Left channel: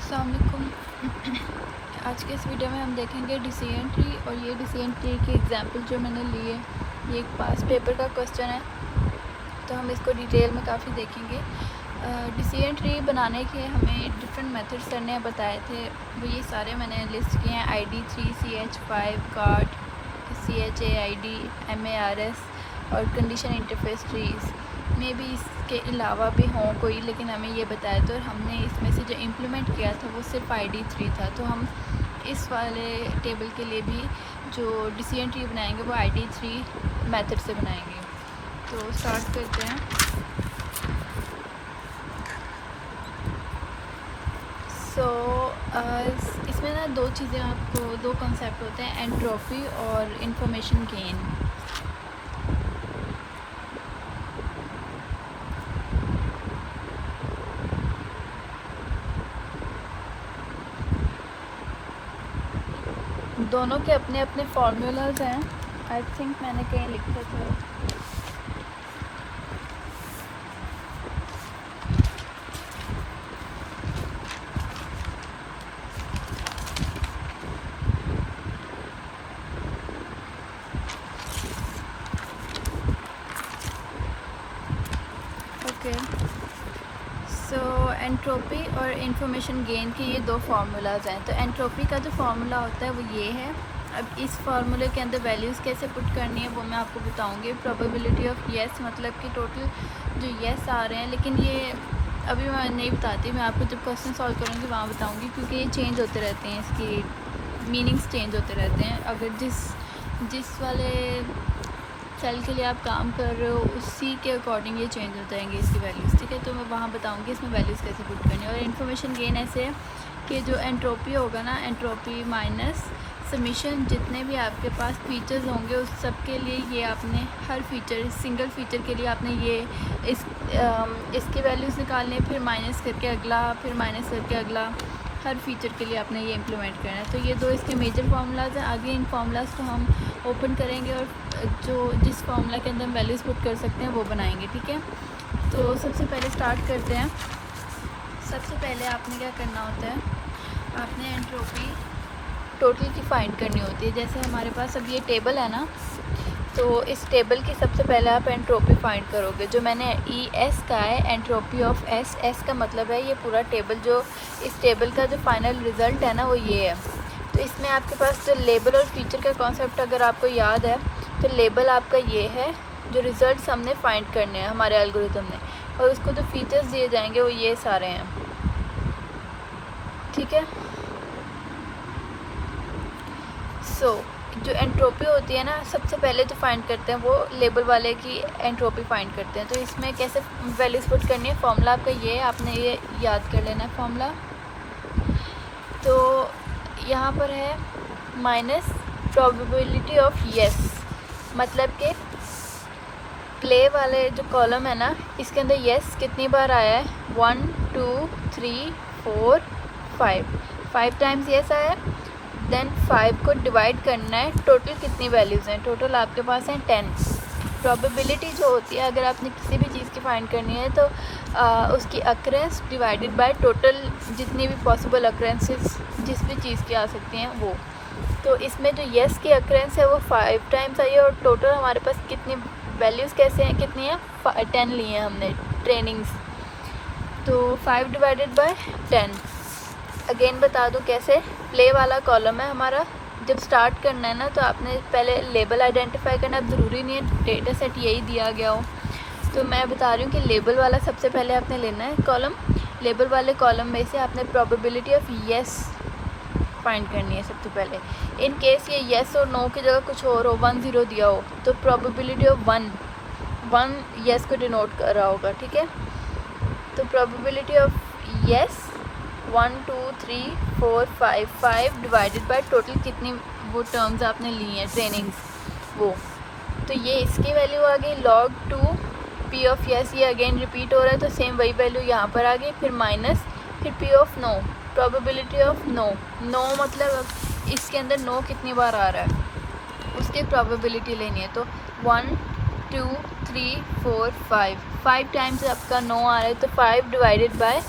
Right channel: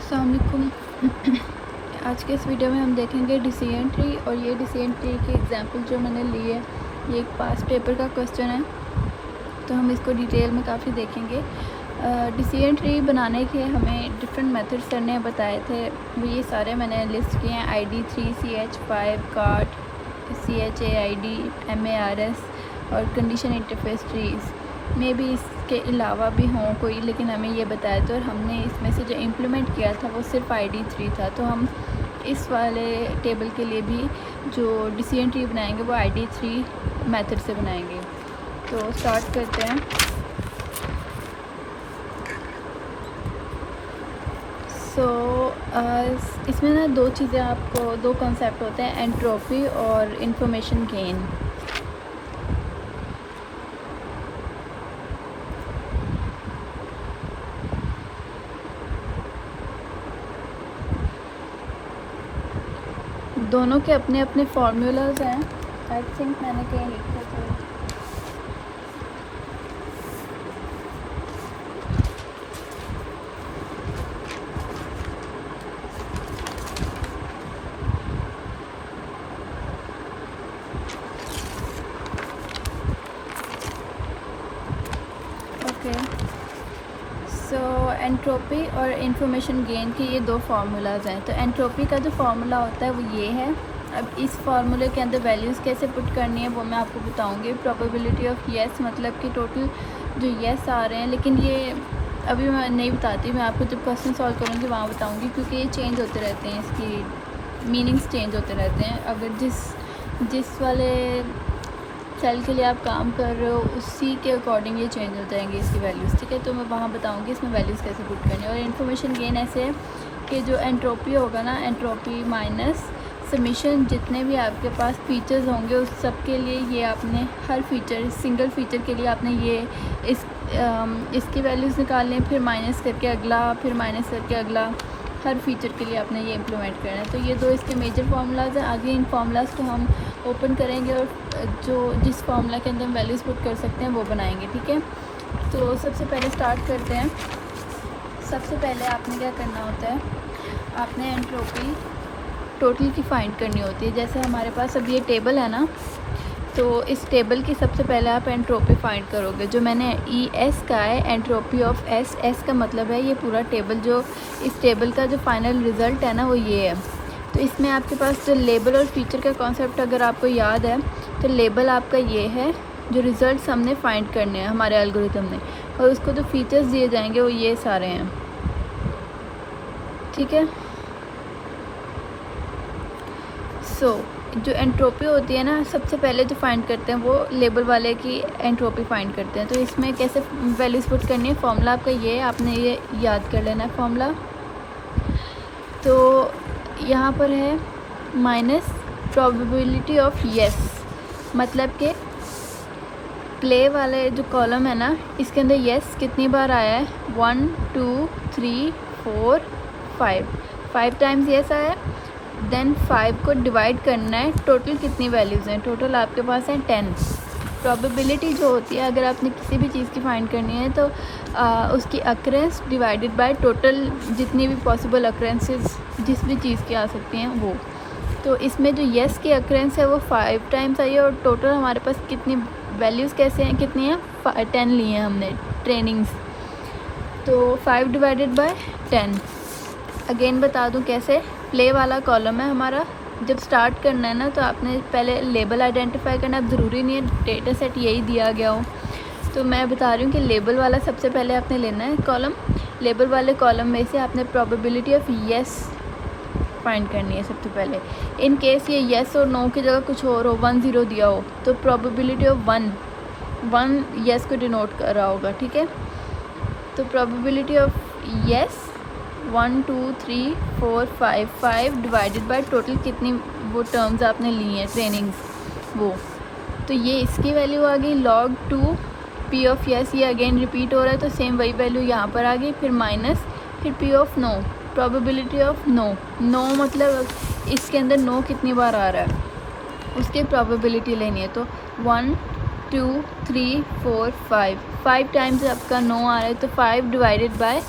अस्सलाम वालेकुम। आज के इस वीडियो में हम देखेंगे डिसीजन ट्री, और ये डिसीजन ट्री के एग्जांपल जो मैंने लिए, ये एक पास पेपर का क्वेश्चन है, तो हम इसको डिटेल में काफ़ी देखेंगे। डिसीजन ट्री बनाने के हमें डिफरेंट मेथड्स करने बताए थे, वो ये सारे मैंने लिस्ट किए हैं। ID3, CH5, card, CHAID, MARS और कंडीशन इंटरफेस ट्रीज़ में भी इसके अलावा भी हों कोई, लेकिन हमें ये बताया था और हमने इसमें से जो इम्प्लीमेंट किया था वो सिर्फ ID3 था। तो हम इस वाले टेबल के लिए भी जो डिसीजन ट्री बनाएंगे वो ID3 मेथड से बनाएंगे। तो स्टार्ट करते हैं। इसमें ना दो चीज़ें, आपको दो कॉन्सेप्ट होते हैं, एंट्रोपी और इंफॉर्मेशन गेन। दोनों के अपने अपने फार्मूलाज हैं। आई थिंक मैंने कहीं लिखा था। ओके, सो एंट्रोपी और इंफॉर्मेशन गेन के ये दो फार्मूलाज हैं। तो एंट्रोपी का जो फार्मूला होता है वो ये है। अब इस फार्मूले के अंदर वैल्यूज़ कैसे पुट करनी है वो मैं आपको बताऊंगी। प्रोबेबिलिटी ऑफ येस, मतलब कि टोटल जो येस आ रहे हैं, लेकिन ये अभी मैं नहीं बताती, मैं आपको जब क्वेश्चन सॉल्व करूँगी वहाँ बताऊँगी, क्योंकि ये चेंज होते रहते हैं, इसकी मीनिंग्स चेंज होते रहते हैं। अगर जिस वाले सेल के लिए आप काम कर रहे हो उसी के अकॉर्डिंग ये चेंज हो जाएंगे इसकी वैल्यूज़, ठीक है। तो मैं वहाँ बताऊँगी इसमें वैल्यूज़ कैसे पुट करनी है। और इन्फॉर्मेशन गेन ऐसे है कि जो एंट्रोपी होगा ना, एंट्रोपी माइनस समीशन, जितने भी आपके पास फीचर्स होंगे उस सब के लिए ये आपने हर फीचर, सिंगल फीचर के लिए आपने ये इसकी वैल्यूज़ निकालनी है, फिर माइनस करके अगला, फिर माइनस करके अगला, हर फीचर के लिए आपने ये इम्प्लीमेंट करना है। तो ये दो इसके मेजर फार्मूलाज हैं। आगे इन फार्मूलाज को हम ओपन करेंगे और जिस फार्मूला के अंदर हम वैल्यूज़ पुट कर सकते हैं वो बनाएंगे, ठीक है। तो सबसे पहले स्टार्ट करते हैं। सबसे पहले आपने क्या करना होता है, आपने एंट्रोपी टोटल की फाइंड करनी होती है। जैसे हमारे पास अब ये टेबल है ना, तो इस टेबल की सबसे पहले आप एंट्रोपी फाइंड करोगे। जो मैंने ES का है, एंट्रोपी ऑफ S का मतलब है ये पूरा टेबल, जो इस टेबल का जो फाइनल रिज़ल्ट है ना वो ये है। तो इसमें आपके पास लेबल और फीचर का कॉन्सेप्ट अगर आपको याद है, तो लेबल आपका ये है, जो रिज़ल्ट हमने फाइंड करने हैं हमारे एल्गोरिथम में, और उसको जो फीचर्स दिए जाएंगे वो ये सारे हैं, ठीक है। सो जो एंट्रोपी होती है ना, सबसे पहले जो फाइंड करते हैं वो लेबल वाले की एंट्रोपी फाइंड करते हैं। तो इसमें कैसे वैल्यूज पुट करनी है, फॉर्मूला आपका ये है, आपने ये याद कर लेना है फॉर्मूला। तो यहाँ पर है माइनस प्रोबेबिलिटी ऑफ येस, मतलब कि प्ले वाले जो कॉलम है ना, इसके अंदर येस कितनी बार आया है, 1 2 3 4 5 टाइम्स येस आया। देन 5 को डिवाइड करना है, टोटल कितनी वैल्यूज़ हैं, टोटल आपके पास है 10। प्रोबेबिलिटी जो होती है, अगर आपने किसी भी चीज़ की फाइंड करनी है तो उसकी अक्रेंस डिवाइडेड बाय टोटल, जितनी भी पॉसिबल अक्रेंसेस जिस भी चीज़ की आ सकती हैं वो। तो इसमें जो येस की अक्रेंस है वो 5 टाइम्स आई है, और टोटल हमारे पास कितनी वैल्यूज़ कैसे हैं, कितनी हैं, 10 ली हैं हमने ट्रेनिंग्स। तो 5 डिवाइडेड बाय 10। अगेन बता दूं कैसे, प्ले वाला कॉलम है हमारा। जब स्टार्ट करना है ना, तो आपने पहले लेबल आइडेंटिफाई करना। अब ज़रूरी नहीं है डेटा सेट यही दिया गया हो, तो मैं बता रही हूँ कि लेबल वाला सबसे पहले आपने लेना है कॉलम। लेबल वाले कॉलम में से आपने प्रोबेबिलिटी ऑफ येस फाइंड करनी है सबसे पहले। इन केस ये येस और नो की जगह कुछ और हो, 1 0 दिया हो, तो प्रोबेबिलिटी ऑफ 1 येस को डिनोट कर रहा होगा, ठीक है। तो probability of yes 1 2 3 4 5 divided by total कितनी वो टर्म्स आपने ली हैं ट्रेनिंग्स वो। तो ये इसकी वैल्यू आ गई log 2 P ऑफ येस, ये अगेन रिपीट हो रहा है, तो सेम वही वैल्यू यहाँ पर आ गई, फिर माइनस, फिर P of no, probability of no मतलब इसके अंदर नो कितनी बार आ रहा है, इसकी प्रोबेबिलिटी लेनी है। तो 1 2 3 4 5 टाइम्स आपका नो आ रहा है, तो 5 डिवाइडेड बाय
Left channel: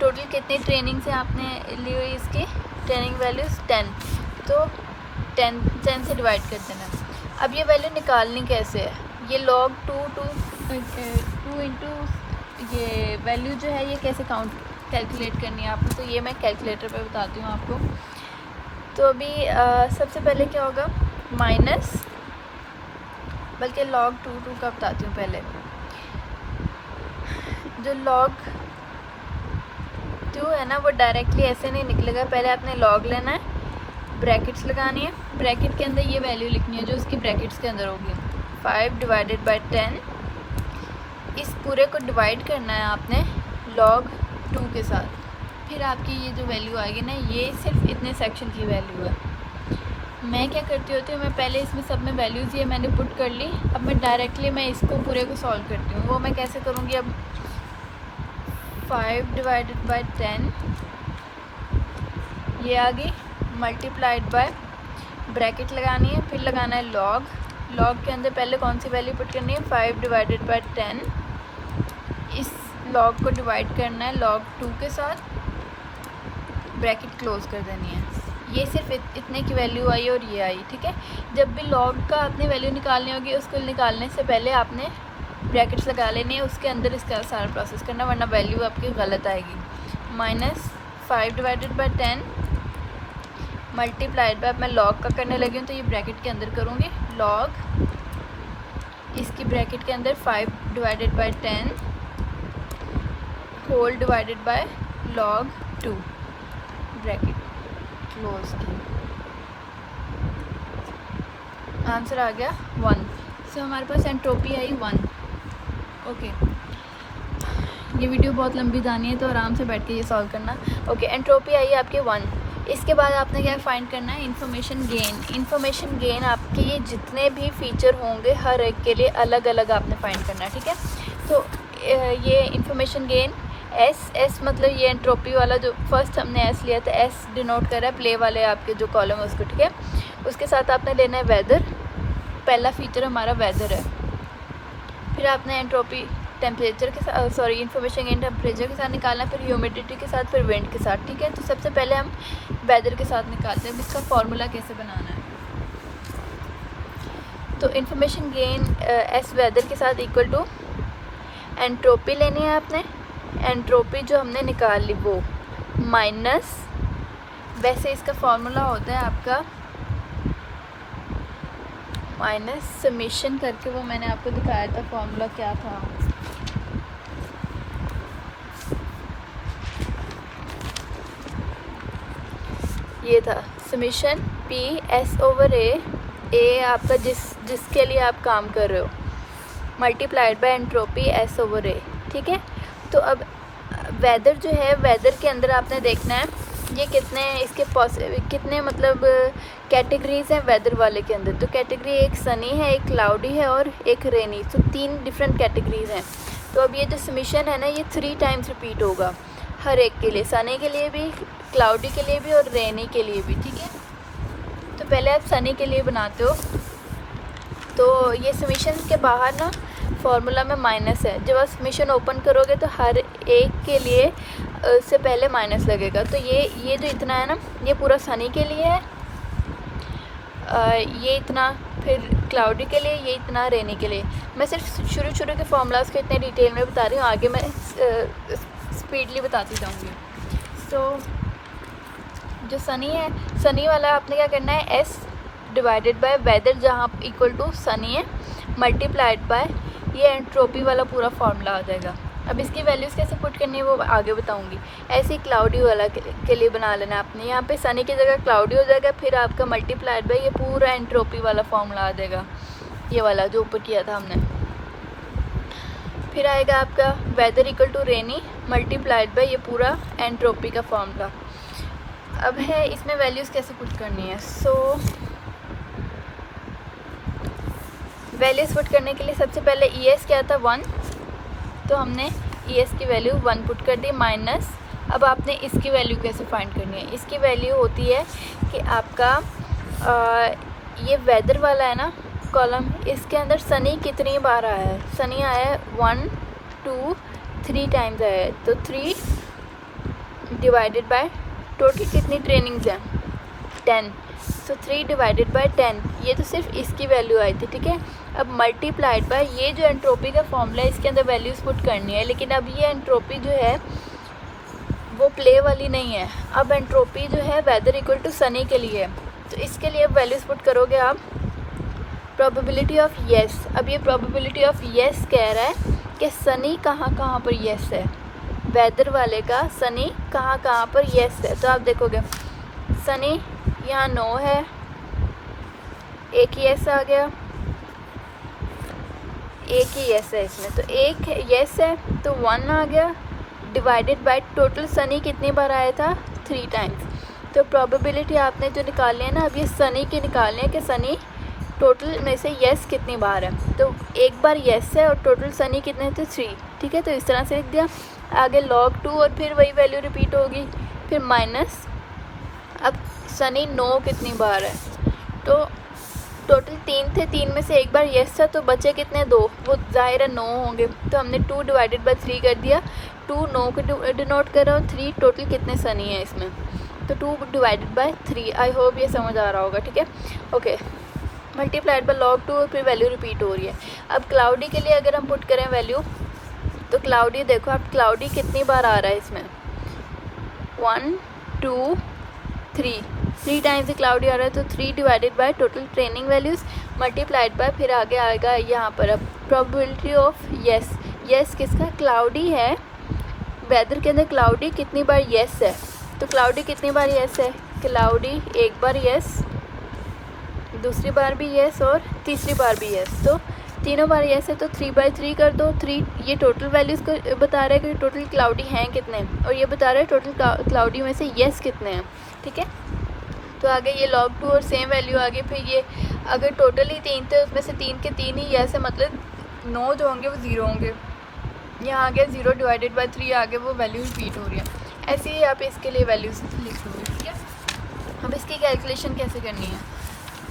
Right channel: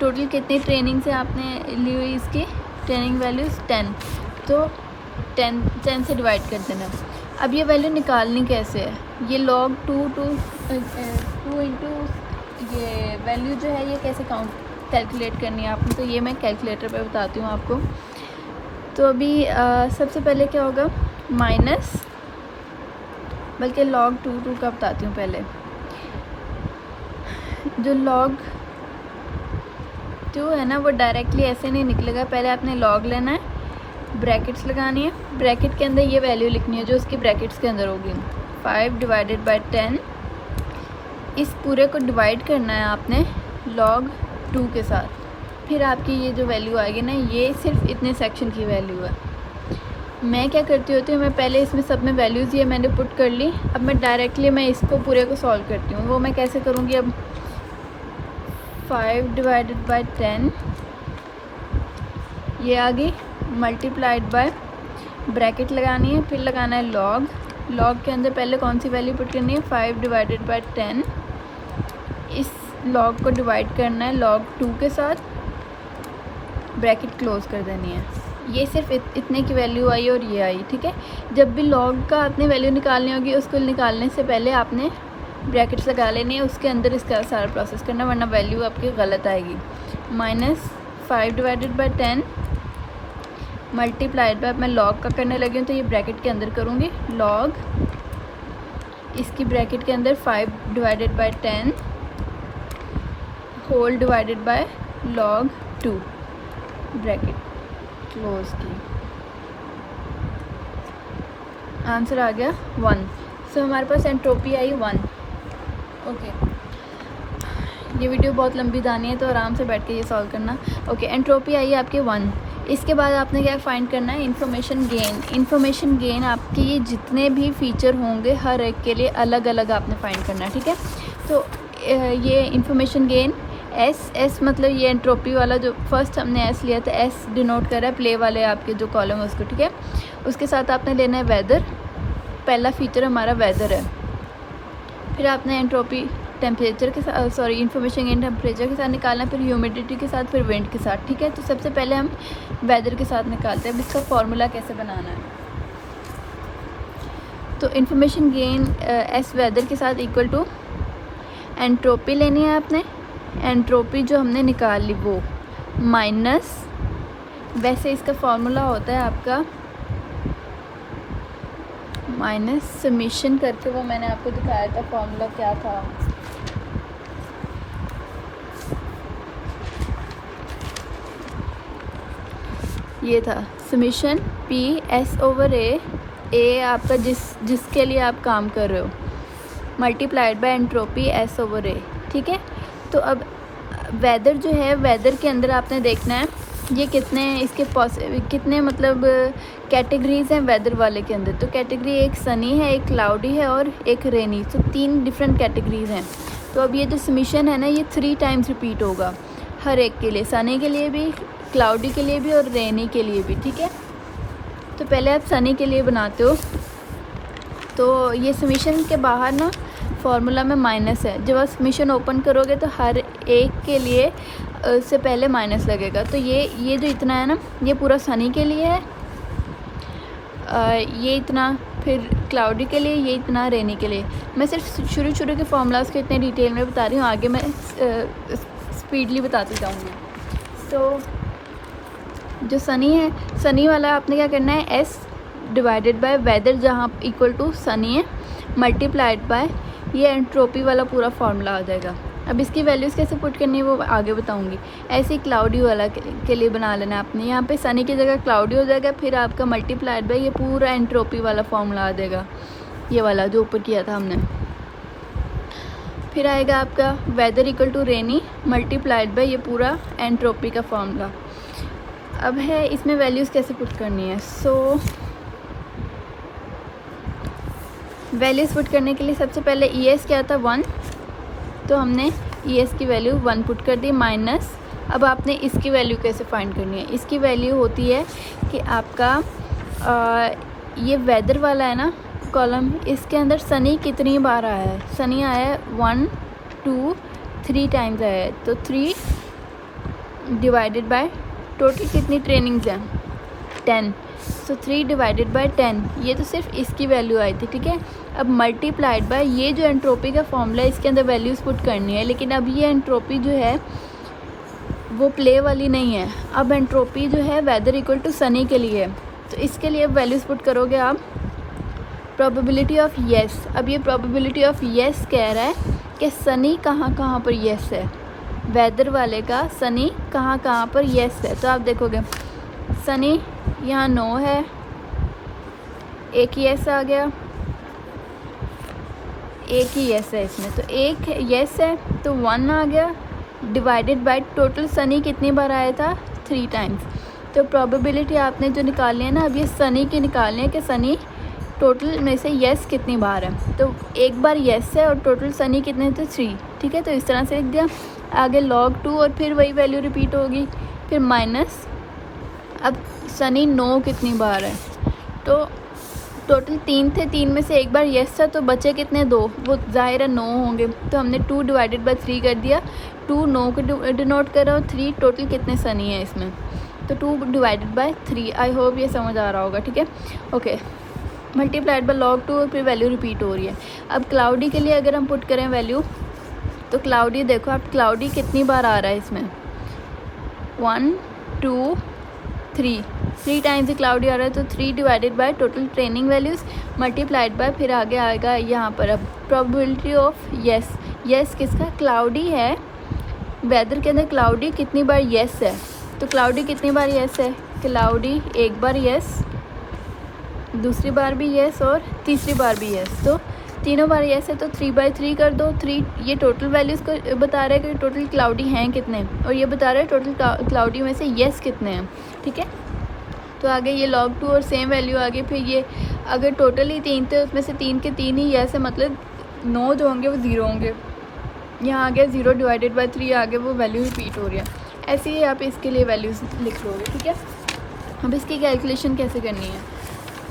टोटल कितनी ट्रेनिंग से आपने ली हुई इसकी ट्रेनिंग वैल्यूज़ 10, तो 10 से डिवाइड कर देना। अब ये वैल्यू निकालनी कैसे है, ये log 2 इंटू ये वैल्यू जो है ये कैसे कैलकुलेट करनी है आपको, तो ये मैं कैलकुलेटर पे बताती हूँ आपको। तो अभी सबसे पहले क्या होगा, माइनस, बल्कि log 2 का बताती हूँ पहले। जो log 2 है ना वो डायरेक्टली ऐसे नहीं निकलेगा, पहले आपने log लेना है, ब्रैकेट्स लगानी है, ब्रैकेट के अंदर ये वैल्यू लिखनी है जो उसकी ब्रैकेट्स के अंदर होगी, 5 डिवाइडेड बाई 10। इस पूरे को डिवाइड करना है आपने log 2 के साथ, फिर आपकी ये जो वैल्यू आएगी ना ये सिर्फ इतने सेक्शन की वैल्यू है। मैं क्या करती होती हूँ, मैं पहले इसमें सब में वैल्यूज़ ये मैंने पुट कर ली, अब मैं डायरेक्टली मैं इसको पूरे को सॉल्व करती हूँ। वो मैं कैसे करूँगी, अब 5 डिवाइडेड बाई 10 ये आ गई, मल्टीप्लाइड बाय, ब्रैकेट लगानी है, फिर लगाना है log के अंदर पहले कौन सी वैल्यू पुट करनी है, 5 डिवाइडेड बाय 10। इस log को डिवाइड करना है log 2 के साथ, ब्रैकेट क्लोज कर देनी है। ये सिर्फ इतने की वैल्यू आई और ये आई, ठीक है। जब भी log का आपने वैल्यू निकालनी होगी उसको निकालने से पहले आपने ब्रैकेट्स लगा लेने हैं, उसके अंदर इसका सारा प्रोसेस करना, वरना वैल्यू आपकी गलत आएगी। Minus 5 divided by 10 multiplied by, मैं log का करने लगी हूँ तो ये ब्रैकेट के अंदर करूँगी, log इसकी ब्रैकेट के अंदर 5 divided by 10 whole divided by log 2, bracket close की। आंसर आ गया 1। सो हमारे पास एंट्रोपी आई 1। ओके, ये वीडियो बहुत लंबी जानी है तो आराम से बैठ के ये सॉल्व करना। ओके, एंट्रोपी आई आपकी 1। इसके बाद आपने क्या फाइंड करना है, इंफॉर्मेशन गेन। इंफॉर्मेशन गेन आपकी जितने भी फीचर होंगे हर एक के लिए अलग अलग आपने फाइंड करना है, ठीक है। तो ये इंफॉर्मेशन गेन एस मतलब ये एंट्रोपी वाला जो फर्स्ट हमने एस लिया था, एस डिनोट कर रहा है प्ले वाले आपके जो कॉलम है उसको, ठीक है। उसके साथ आपने लेना है वेदर, पहला फीचर हमारा वेदर है। फिर आपने एंट्रोपी टेम्परेचर के साथ, सॉरी इंफॉर्मेशन गेन टेम्परेचर के साथ निकालना है, फिर ह्यूमिडिटी के साथ, फिर विंड के साथ, ठीक है। तो सबसे पहले हम वेदर के साथ निकालते हैं। अब इसका फॉर्मूला कैसे बनाना है, तो इंफॉर्मेशन गेन एस वेदर के साथ इक्वल टू एंट्रोपी लेनी है आपने, एंट्रोपी जो हमने निकाल ली वो माइनस, वैसे इसका फॉर्मूला होता है आपका माइनस समेशन करके, वो मैंने आपको दिखाया था फॉर्मूला क्या था, ये था summation P S over A आपका जिसके लिए आप काम कर रहे हो, multiplied by entropy S over A, ठीक है। तो अब वेदर जो है, वेदर के अंदर आपने देखना है ये कितने इसके कितने मतलब कैटेगरीज हैं वेदर वाले के अंदर। तो कैटेगरी एक सनी है, एक क्लाउडी है और एक रेनी, तो 3 डिफरेंट कैटेगरीज हैं। तो अब ये जो समेशन है ना ये 3 टाइम्स रिपीट होगा हर एक के लिए, सनी के लिए भी, क्लाउडी के लिए भी और रेनी के लिए भी, ठीक है। तो पहले आप सनी के लिए बनाते हो, तो ये समेशन के बाहर ना फॉर्मूला में माइनस है, जब आप समेशन ओपन करोगे तो हर एक के लिए उससे पहले माइनस लगेगा। तो ये जो इतना है ना ये पूरा सनी के लिए है, ये इतना फिर क्लाउडी के लिए, ये इतना रेनी के लिए। मैं सिर्फ शुरू के फॉर्मूलाज को इतने डिटेल में बता रही हूँ, आगे मैं स्पीडली बताते जाऊँगी। तो जो सनी है, सनी वाला आपने क्या करना है, एस डिवाइडेड बाय वेदर जहाँ इक्वल टू सनी है मल्टीप्लाइड बाय ये एंट्रोपी वाला पूरा फॉर्मूला आ जाएगा। अब इसकी वैल्यूज़ कैसे पुट करनी है वो आगे बताऊंगी। ऐसे ही क्लाउडी वाला के लिए बना लेना आपने, यहाँ पे सनी की जगह क्लाउडी हो जाएगा, फिर आपका मल्टीप्लाइड बाय ये पूरा एंट्रोपी वाला फॉर्मूला आ जाएगा, ये वाला जो ऊपर किया था हमने। फिर आएगा आपका weather equal to rainy multiplied by ये पूरा एंट्रोपी का फॉर्मूला। अब है इसमें वैल्यूज़ कैसे पुट करनी है। सो वैल्यूज़ पुट करने के लिए सबसे पहले ई एस क्या था 1, तो हमने ई एस की वैल्यू 1 पुट कर दी माइनस। अब आपने इसकी वैल्यू कैसे फाइंड करनी है, इसकी वैल्यू होती है कि आपका ये वेदर वाला है ना कॉलम, इसके अंदर सनी कितनी बार आया है, सनी आया है 1 2 3 टाइम्स आया है, तो 3 डिवाइडेड बाय टोटल कितनी ट्रेनिंग्स हैं 10, सो 3 डिवाइडेड बाय 10, ये तो सिर्फ इसकी वैल्यू आई थी, ठीक है। अब मल्टीप्लाइड बाय ये जो एंट्रोपी का फॉर्मूला है इसके अंदर वैल्यूज़ पुट करनी है, लेकिन अब ये एंट्रोपी जो है वो प्ले वाली नहीं है। अब एंट्रोपी जो है वेदर इक्वल टू सनी के लिए है, तो इसके लिए अब वैल्यूज़ पुट करोगे आप प्रोबेबिलिटी ऑफ येस। अब ये प्रोबेबिलिटी ऑफ येस कह रहा है कि सनी कहाँ कहाँ पर येस है, वेदर वाले का सनी कहाँ कहाँ पर येस है। तो आप देखोगे सनी यहाँ 9 है, एक येस आ गया, एक ही येस है इसमें, तो एक येस है तो 1 आ गया, डिवाइडेड बाय टोटल सनी कितनी बार आया था 3 टाइम्स। तो प्रोबेबिलिटी आपने जो निकालनी है ना अभी सनी की निकालनी है कि सनी टोटल में से येस कितनी बार है। तो एक बार येस है और टोटल सनी कितने थे 3, ठीक है। तो इस तरह से लिख दिया, आगे log 2 और फिर वही वैल्यू रिपीट होगी, फिर माइनस अब सनी 9 कितनी बार है, तो टोटल 3 थे, 3 में से एक बार येस था तो बचे कितने 2, वो जाहिर है 9 होंगे, तो हमने 2 डिवाइडेड बाय 3 कर दिया, 2 9 को डिनोट करा और 3 टोटल कितने सनी है इसमें, तो 2 डिवाइडेड बाय 3। आई होप ये समझ आ रहा होगा, ठीक है। ओके, मल्टीप्लाइड बाय log 2 फिर वैल्यू रिपीट हो रही है। अब क्लाउडी के लिए अगर हम पुट करें वैल्यू, तो क्लाउडी देखो क्लाउडी कितनी बार आ रहा है इसमें 1 2 3 टाइम्स क्लाउडी आ रहा है, तो 3 divided by total training values multiplied by फिर आगे आएगा यहाँ पर प्रोबेबिलिटी ऑफ येस। येस किसका क्लाउडी है, वेदर के अंदर क्लाउडी कितनी बार येस है, तो क्लाउडी कितनी बार येस है, क्लाउडी एक बार येस, दूसरी बार भी येस और तीसरी बार भी येस, तो तीनों बार येस है तो 3/3 कर दो। 3 ये टोटल वैल्यूज़ बता रहा है कि टोटल क्लाउडी हैं कितने, और ये बता रहा है टोटल क्लाउडी में से येस कितने हैं, ठीक है। तो आगे ये log 2 और सेम वैल्यू आ गई, फिर ये अगर टोटल ही 3 थे उसमें से 3 के 3 ही येस है, मतलब 9 जो होंगे वो 0 होंगे, यहाँ आ गया 0 डिवाइडेड बाय 3 आगे वो वैल्यू रिपीट हो गया। ऐसे ही आप इसके लिए वैल्यूज लिख लोगे, ठीक है। अब इसकी कैलकुलेशन कैसे करनी है,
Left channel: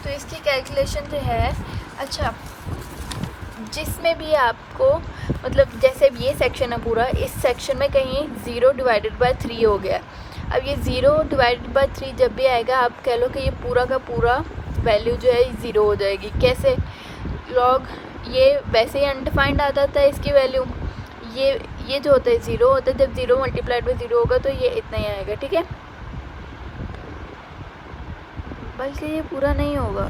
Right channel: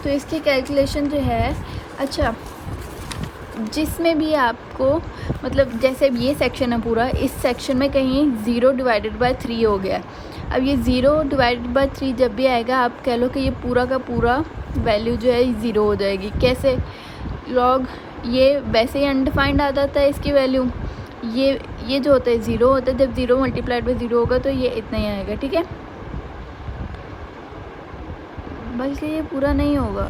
तो इसकी कैलकुलेशन जो है, अच्छा जिसमें भी आपको मतलब जैसे ये सेक्शन है पूरा, इस सेक्शन में कहीं 0 डिवाइडेड बाय 3 हो गया, अब ये 0 डिवाइडेड बाय 3 जब भी आएगा आप कह लो कि ये पूरा का पूरा वैल्यू जो है 0 हो जाएगी। कैसे, लॉग ये वैसे ही अनडिफाइंड आ जाता है इसकी वैल्यू, ये जो होता है 0 होता है, जब 0 मल्टीप्लाइड बाय 0 होगा तो ये इतना ही आएगा, ठीक है। बस ये पूरा नहीं होगा,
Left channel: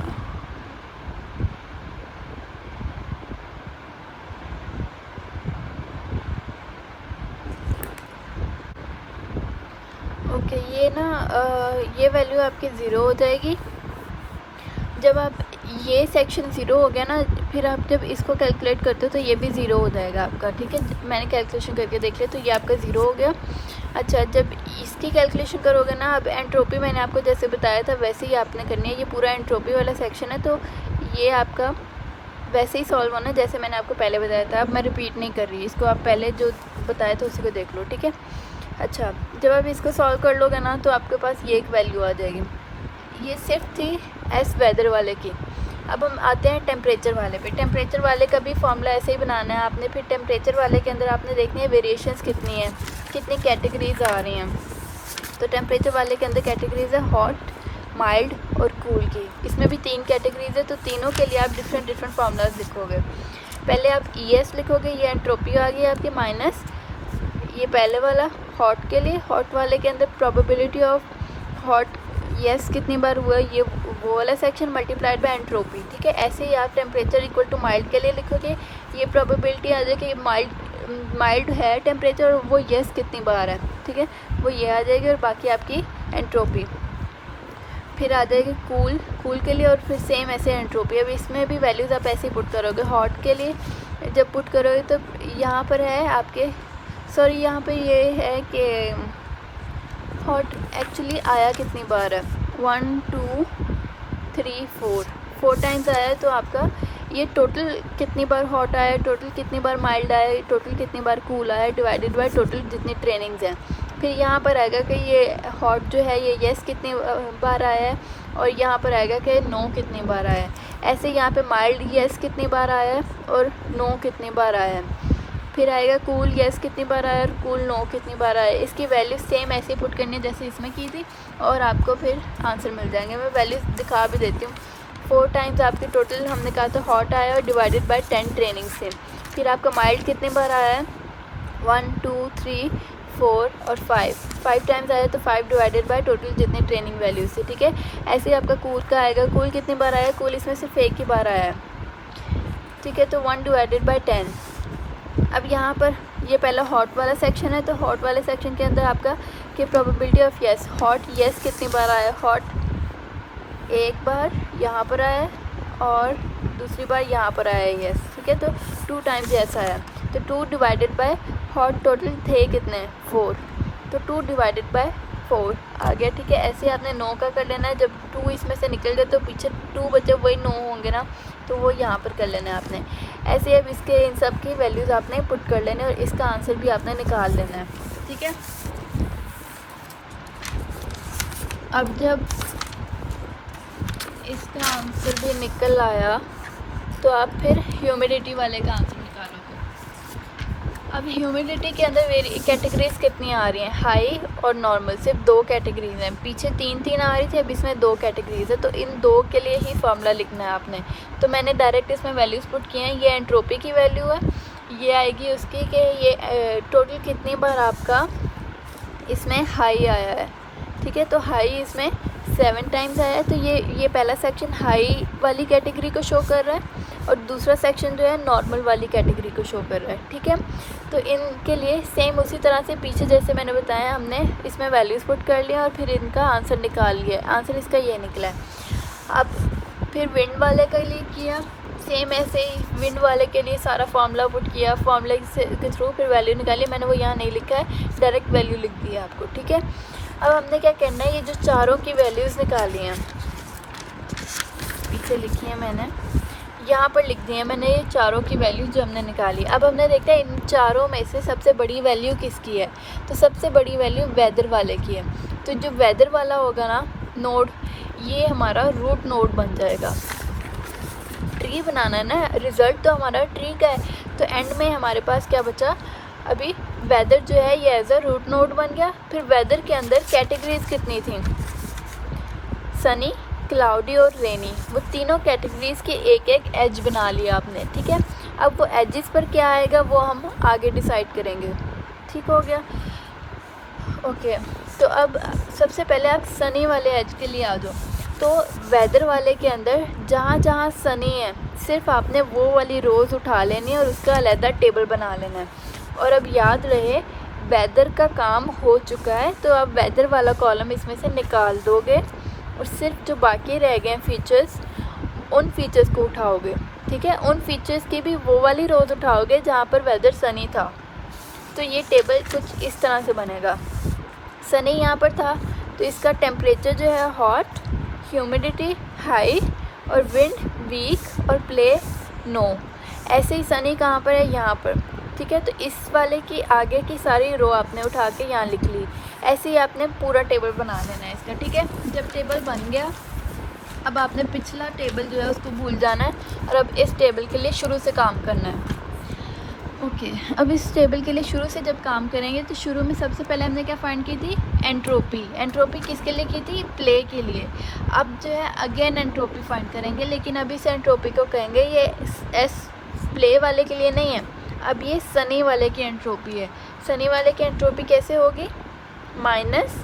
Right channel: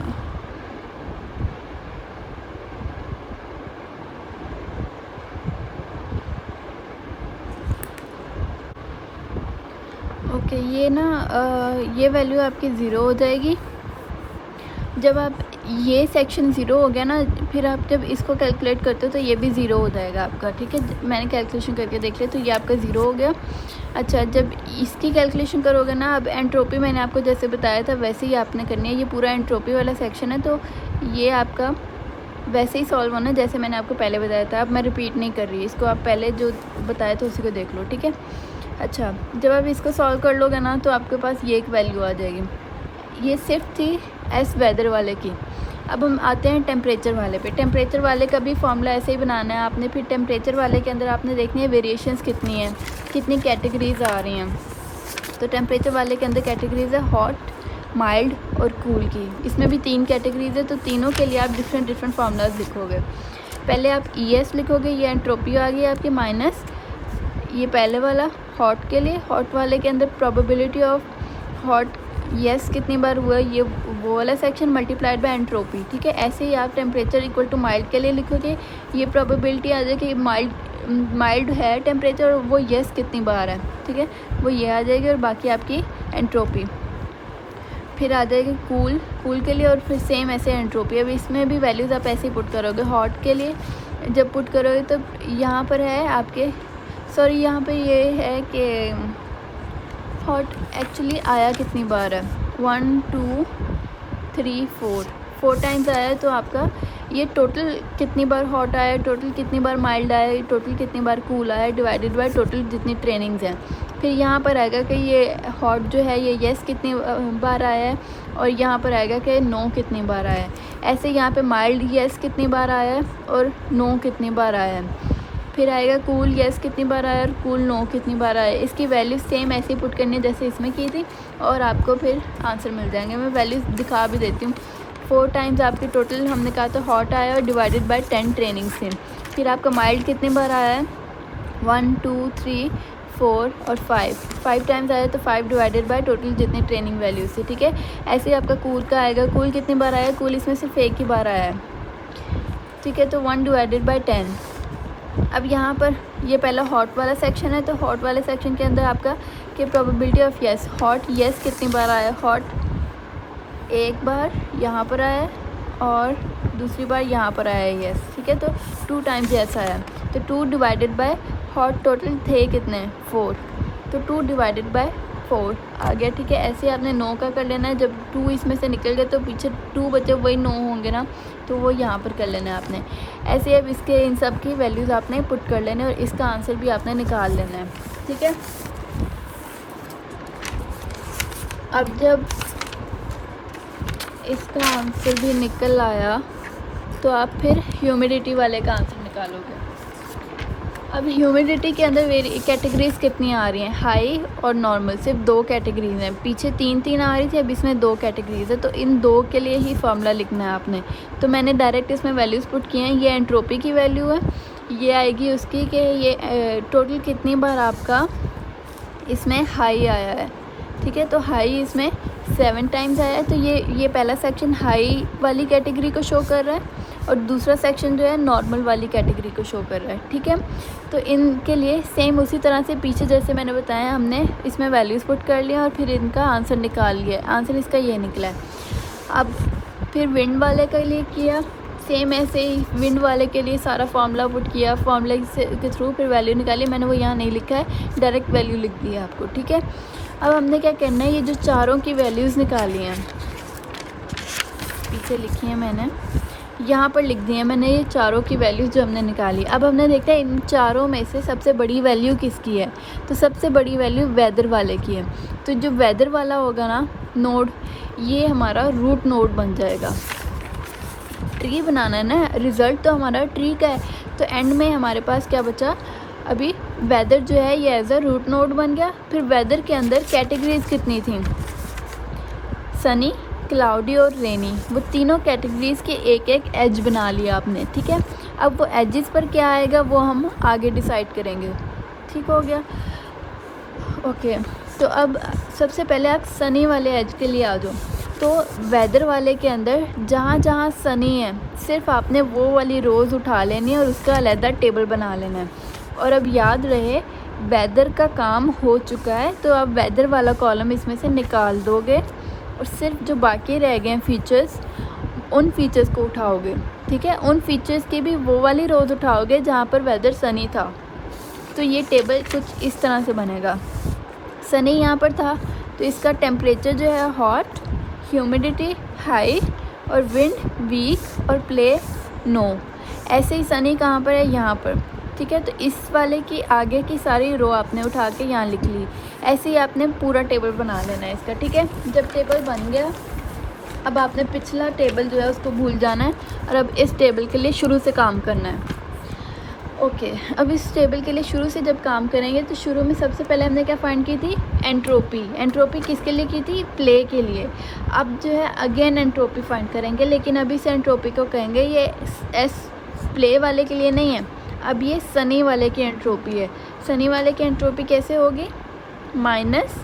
ओके। ये ना ये वैल्यू आपकी 0 हो जाएगी जब आप ये सेक्शन 0 हो गया ना, फिर आप जब इसको कैलकुलेट करते हो तो ये भी 0 हो जाएगा आपका, ठीक है। मैंने कैलकुलेशन करके देख लिया तो ये आपका 0 हो गया। अच्छा, जब इसकी कैलकुलेशन करोगे ना, अब एंट्रोपी मैंने आपको जैसे बताया था वैसे ही आपने करनी है, ये पूरा एंट्रोपी वाला सेक्शन है, तो ये आपका वैसे ही सॉल्व होना जैसे मैंने आपको पहले बताया था। अब मैं रिपीट नहीं कर रही, इसको आप पहले जो बताया था उसको देख लो, ठीक है। अच्छा, जब आप इसको सॉल्व कर लोगे ना तो आपके पास ये एक वैल्यू आ जाएगी, ये सिर्फ थी एस वेदर वाले की। अब हम आते हैं टेम्परेचर वाले पे। टेम्परेचर वाले का भी फॉर्मूला ऐसे ही बनाना है आपने। फिर टेम्परेचर वाले के अंदर आपने देखनी है वेरिएशंस कितनी हैं, कितनी कैटेगरीज आ रही हैं। तो टेम्परेचर वाले के अंदर कैटेगरीज है हॉट, माइल्ड और कूल की। इसमें भी 3 कैटेगरीज है, तो तीनों के लिए आप डिफरेंट फार्मूलाज लिखोगे। पहले आप ES लिखोगे, ये एंट्रोपी आ गई आपकी माइनस ये पहले वाला हॉट के लिए, हॉट वाले के अंदर प्रोबेबिलिटी ऑफ हॉट येस कितनी बार हुआ, ये वाला सेक्शन मल्टीप्लाइड बाय एंट्रोपी, ठीक है। ऐसे ही आप टेम्परेचर इक्वल टू माइल्ड के लिए लिखोगे, ये प्रोबेबिलिटी आ जाएगी माइल्ड है टेम्परेचर, वो येस कितनी बार है, ठीक है, वो ये आ जाएगी, और बाकी आपकी एंट्रोपी। फिर आ जाएगी कूल के लिए, और फिर सेम ऐसे एंट्रोपी। अब इसमें भी वैल्यूज़ आप ऐसे पुट करोगे। हॉट के लिए जब पुट करोगे तो यहाँ पर है आपके, सॉरी यहाँ पे ये है कि हॉट एक्चुअली आया कितनी बार है, 1 2 3 4 टाइम्स आया है। तो आपका ये टोटल कितनी बार हॉट आया है, टोटल कितनी बार माइल्ड आया है, टोटल कितनी बार कूल आया है, डिवाइडेड बाय टोटल जितनी ट्रेनिंग्स हैं। फिर यहाँ पर आएगा कि ये हॉट जो है ये येस कितनी बार आया है, और यहाँ पर आएगा कि नो कितनी बार आया है। ऐसे यहाँ पे माइल्ड येस कितनी बार आया है और नो कितनी बार आया है। फिर आएगा कूल येस कितनी बार आया और कूल नो कितनी बार आया। इसकी वैल्यू सेम ऐसे ही पुट करनी है जैसे इसमें की थी और आपको फिर आंसर मिल जाएंगे। मैं वैल्यूज दिखा भी देती हूँ। 4 टाइम्स आपको टोटल हमने कहा था हॉट आया और डिवाइडेड बाय 10 ट्रेनिंग से। फिर आपको माइल्ड कितनी बार आया, 1 2 3 4 और 5 टाइम्स आया तो 5 डिवाइडेड बाय टोटल जितनी ट्रेनिंग वैल्यूज थी। ठीक है, ऐसे ही आपका कूल का आएगा। कूल कितनी बार आया, कूल इसमें सिर्फ एक ही बार आया। ठीक है, तो 1 डिवाइडेड बाय 10। अब यहाँ पर ये पहला हॉट वाला सेक्शन है, तो हॉट वाले सेक्शन के अंदर आपका कि probability of yes, hot yes कितनी बार आया, हॉट एक बार यहाँ पर आया और दूसरी बार यहाँ पर आया येस। ठीक है, तो 2 टाइम्स येस आया, तो 2 डिवाइडेड बाय हॉट टोटल थे कितने 4, तो 2 डिवाइडेड बाय 4 आ गया। ठीक है, ऐसे आपने 9 का कर लेना है। जब 2 इसमें से निकल जाए तो पीछे 2 बचे वही 9 होंगे ना, तो वो यहाँ पर कर लेना है आपने। ऐसे अब इसके इन सब की वैल्यूज़ आपने पुट कर लेना है और इसका आंसर भी आपने निकाल लेना है। ठीक है, अब जब इसका आंसर भी निकल आया तो आप फिर ह्यूमिडिटी वाले का आंसर निकालोगे। अब ह्यूमिडिटी के अंदर मेरी कैटेगरीज कितनी आ रही हैं, हाई और नॉर्मल, सिर्फ 2 कैटेगरीज हैं। पीछे 3 आ रही थी, अब इसमें 2 कैटेगरीज है, तो इन 2 के लिए ही फॉर्मूला लिखना है आपने। तो मैंने डायरेक्ट इसमें वैल्यूज़ पुट किए हैं। ये एंट्रोपी की वैल्यू है, ये आएगी उसकी कि ये टोटल कितनी बार आपका इसमें हाई आया है। ठीक है, तो हाई इसमें 7 टाइम्स आया है, तो ये पहला सेक्शन हाई वाली कैटेगरी को शो कर रहा है और दूसरा सेक्शन जो है नॉर्मल वाली कैटेगरी को शो कर रहा है। ठीक है, तो इनके लिए सेम उसी तरह से पीछे जैसे मैंने बताया हमने इसमें वैल्यूज़ पुट कर लिया और फिर इनका आंसर निकाल लिया। आंसर इसका ये निकला है। अब फिर विंड वाले के लिए किया सेम ऐसे ही, विंड वाले के लिए सारा फार्मूला पुट किया, फार्मूले के थ्रू फिर वैल्यू निकाली। मैंने वो यहाँ नहीं लिखा है, डायरेक्ट वैल्यू लिख दी है आपको। ठीक है, अब हमने क्या करना है, ये जो चारों की वैल्यूज़ निकाली हैं, जैसे लिखी है मैंने यहाँ पर लिख दी है मैंने ये चारों की वैल्यूज़ जो हमने निकाली। अब हमने देखा इन चारों में से सबसे बड़ी वैल्यू किसकी है, तो सबसे बड़ी वैल्यू वेदर वाले की है। तो जो वेदर वाला होगा ना नोड, ये हमारा रूट नोड बन जाएगा। तो ये बनाना है ना, रिज़ल्ट तो हमारा ट्री का है, तो एंड में हमारे पास क्या बचा, अभी वेदर जो है ये एज अ रूट नोड बन गया। फिर वेदर के अंदर कैटेगरीज कितनी थी, सनी, क्लाउडी और रेनी, वो तीनों कैटेगरीज के एक एक एज बना लिया आपने। ठीक है, अब वो एजेस पर क्या आएगा वो हम आगे डिसाइड करेंगे। ठीक हो गया, ओके। तो अब सबसे पहले आप सनी वाले एज के लिए आ जाओ। तो वेदर वाले के अंदर जहाँ जहाँ सनी है सिर्फ आपने वो वाली रोज़ उठा लेनी है और उसका अलग टेबल बना लेनी है। और अब याद रहे वेदर का काम हो चुका है, तो आप वेदर वाला कॉलम इसमें से निकाल दोगे और सिर्फ जो बाकी रह गए फीचर्स, उन फीचर्स को उठाओगे। ठीक है, उन फीचर्स की भी वो वाली रोज़ उठाओगे जहाँ पर वेदर सनी था। तो ये टेबल कुछ इस तरह से बनेगा। सनी यहाँ पर था तो इसका टेम्परेचर जो है हॉट, ह्यूमिडिटी हाई और विंड वीक और प्लेस नो। ऐसे ही सनी कहाँ पर है, यहाँ पर। ठीक है, तो इस वाले की आगे की सारी रो आपने उठा के यहाँ लिख ली। ऐसे ही आपने पूरा टेबल बना लेना है इसका। ठीक है, जब टेबल बन गया अब आपने पिछला टेबल जो है उसको भूल जाना है और अब इस टेबल के लिए शुरू से काम करना है। ओके, अब इस टेबल के लिए शुरू से जब काम करेंगे तो शुरू में सबसे पहले हमने क्या फाइंड की थी, एंट्रोपी। एंट्रोपी किसके लिए की थी, प्ले के लिए। अब जो है अगेन एंट्रोपी फाइंड करेंगे, लेकिन अभी से एंट्रोपी को कहेंगे ये एस प्ले वाले के लिए नहीं है, अब ये सनी वाले की एंट्रोपी है। सनी वाले की एंट्रोपी कैसे होगी, माइनस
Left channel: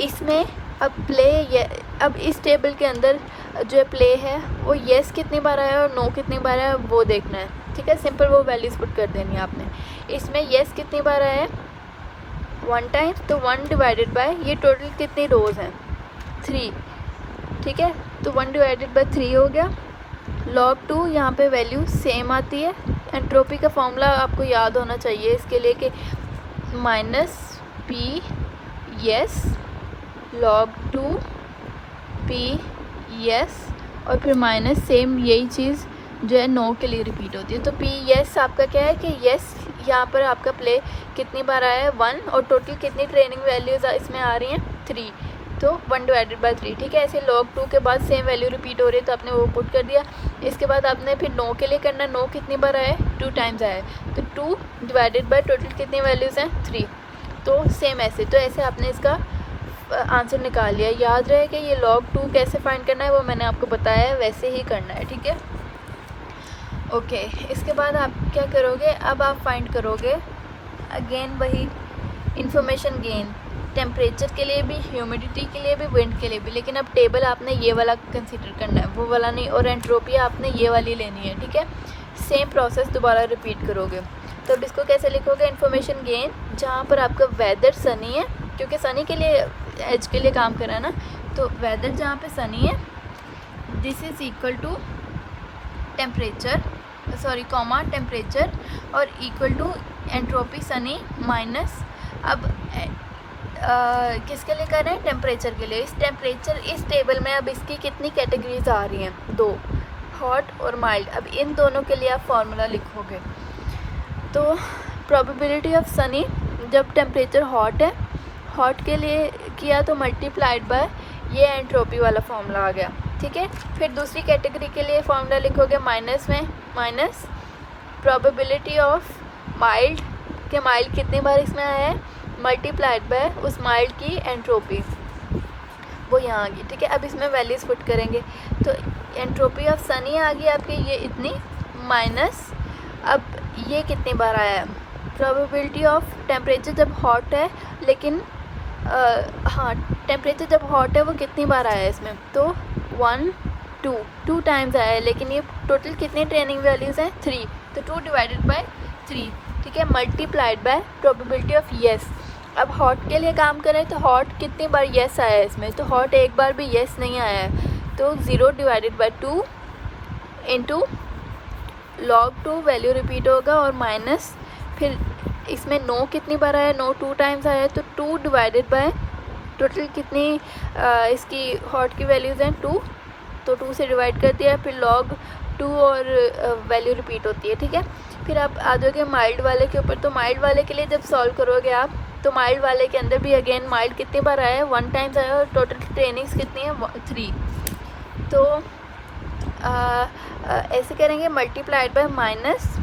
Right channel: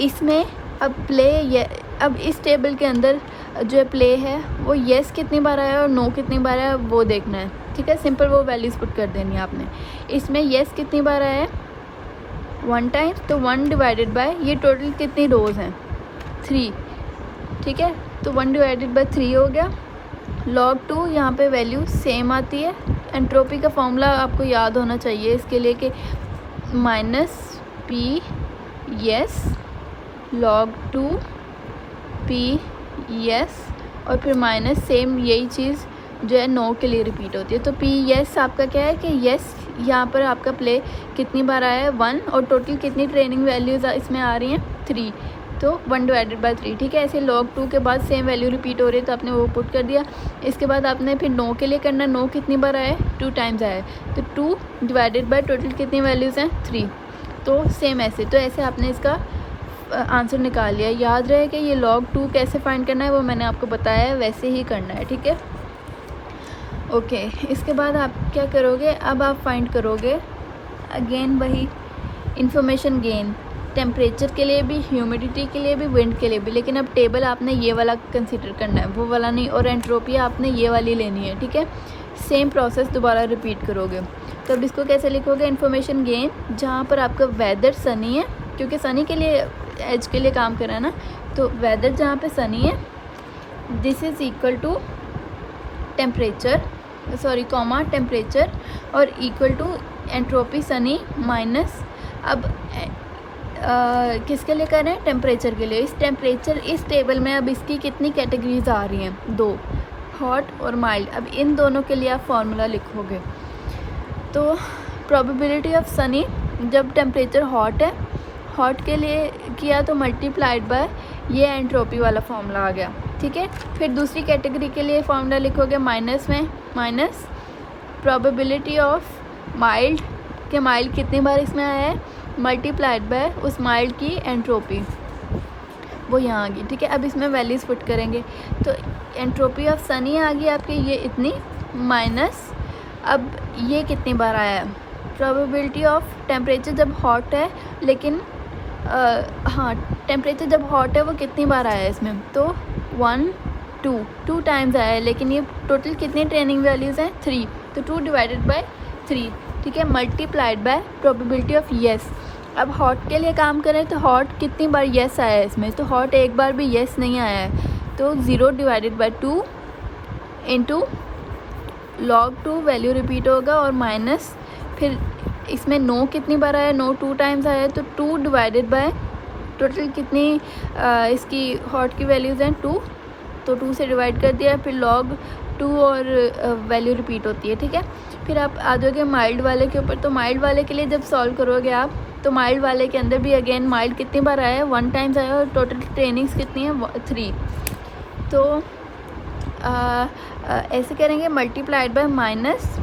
इसमें अब प्ले ये, अब इस टेबल के अंदर जो है प्ले है वो येस कितनी बार आया और नो कितनी बार आया वो देखना है। ठीक है, सिंपल वो वैल्यूज पुट कर देनी है आपने। इसमें येस कितनी बार आया है, 1 टाइम, तो 1 डिवाइडेड बाय ये टोटल कितनी रोज हैं, 3। ठीक है, तो 1 डिवाइडेड बाय 3 हो गया। log 2 यहाँ पे वैल्यू सेम आती है। एंट्रोपी का फॉर्मूला आपको याद होना चाहिए इसके लिए कि minus P S log 2 P S और फिर माइनस सेम यही चीज़ जो है नो के लिए रिपीट होती है। तो पी येस आपका क्या है कि येस यहाँ पर आपका प्ले कितनी बार आया है 1, और टोटल कितनी ट्रेनिंग वैल्यूज़ इसमें आ रही हैं 3, तो 1/3, ठीक है। ऐसे log 2 के बाद सेम वैल्यू रिपीट हो रही है तो आपने वो पुट कर दिया। इसके बाद आपने फिर नो के लिए करना, नो कितनी बार आया 2 टाइम्स आया, तो 2/, टोटल कितनी वैल्यूज़ हैं 3, तो सेम ऐसे, तो ऐसे आपने इसका आंसर निकाल लिया। याद रहे कि ये log 2 कैसे फाइंड करना है वो मैंने आपको बताया है, वैसे ही करना है, ठीक है। ओके, इसके बाद आप क्या करोगे, अब आप फाइंड करोगे अगेन वही इंफॉर्मेशन गेन, टेम्परेचर के लिए भी, ह्यूमिडिटी के लिए भी, विंड के लिए भी, लेकिन अब टेबल आपने ये वाला कंसिडर करना है, वो वाला नहीं, और एंट्रोपी आपने ये वाली लेनी है, ठीक है। सेम प्रोसेस दोबारा रिपीट करोगे। तो अब इसको कैसे लिखोगे, इंफॉर्मेशन गेन, जहाँ पर आपका वेदर सनी है, क्योंकि सनी के लिए एज के लिए काम कर रहा है ना, तो वेदर जहाँ पे सनी है this is equal to temperature, sorry comma temperature, और इक्वल टू एंट्रोपी सनी माइनस, अब किसके लिए करना है, टेम्परेचर के लिए। इस टेम्परेचर, इस टेबल में अब इसकी कितनी कैटेगरीज आ रही है 2, हॉट और माइल्ड। अब इन दोनों के लिए आप फॉर्मूला लिखोगे, तो प्रोबेबिलिटी ऑफ सनी, जब टेम्परेचर हॉट है, हॉट के लिए किया तो मल्टीप्लाइड बाय ये एंट्रोपी वाला फॉर्मूला आ गया, ठीक है। फिर दूसरी कैटेगरी के लिए फॉर्मूला लिखोगे माइनस में, माइनस प्रोबेबिलिटी ऑफ माइल्ड, कि माइल्ड कितनी बार इसमें आया है, मल्टीप्लाइड बाय उस माइल्ड की एंट्रोपी, वो यहाँ आ गई, ठीक है। अब इसमें वैल्यूज़ पुट करेंगे, तो एंट्रोपी ऑफ सनी आ गई आपकी ये इतनी, माइनस अब ये कितनी बार आया, प्रोबेबिलिटी ऑफ टेम्परेचर जब हॉट है, लेकिन हाँ टेम्परेचर जब हॉट है वो कितनी बार आया है इसमें, तो 1 2 टाइम्स आया है, लेकिन ये टोटल कितनी ट्रेनिंग वैल्यूज़ हैं 3, तो 2/3, ठीक है, multiplied bye probability of yes. अब हॉट के लिए काम करें तो हॉट कितनी बार येस आया है इसमें, तो हॉट एक बार भी येस नहीं आया है, तो 0/2 इंटू log 2 वैल्यू रिपीट होगा, और माइनस फिर इसमें नो कितनी बार आया, नो 2 टाइम्स आया, तो 2/, टोटल कितनी इसकी हॉट की वैल्यूज़ हैं 2, तो 2 से डिवाइड कर दिया, फिर log 2 और वैल्यू रिपीट होती है, ठीक है। फिर आप आ जाओगे माइल्ड वाले के ऊपर, तो माइल्ड वाले के लिए जब सॉल्व करोगे आप, तो माइल्ड वाले के अंदर भी अगेन माइल्ड कितनी बार आया है 1 टाइम्स आया है, और टोटल ट्रेनिंग्स कितनी है 3, तो ऐसे करेंगे मल्टीप्लाइड बाय माइनस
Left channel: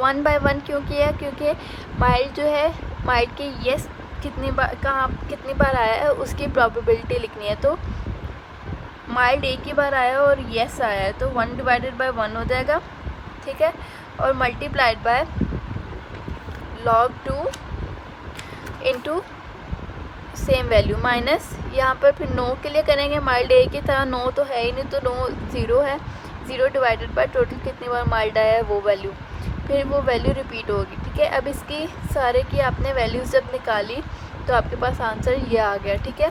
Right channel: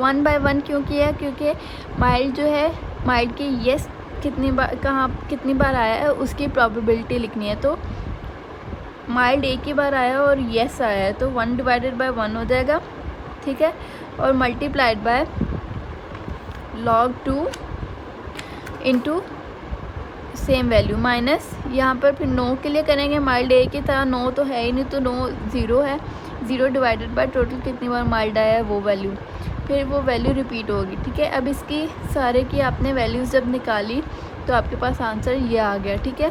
1/1 क्यों किया है, क्योंकि माइल्ड जो है, माइल्ड की येस कितनी बार, कहाँ कितनी बार आया है उसकी प्रोबेबिलिटी लिखनी है, तो माइल्ड एक ही बार आया और येस आया है, तो 1/1 हो जाएगा, ठीक है, और multiplied by log 2 into same value, minus यहाँ पर फिर नो के लिए करेंगे, माइल्ड एक ही था, नो तो है ही नहीं, तो नो 0 है, 0/, टोटल कितनी बार माइल्ड आया है वो वैल्यू, फिर वो वैल्यू रिपीट होगी, ठीक है। अब इसकी सारे की आपने वैल्यूज़ जब निकाली तो आपके पास आंसर ये आ गया, ठीक है।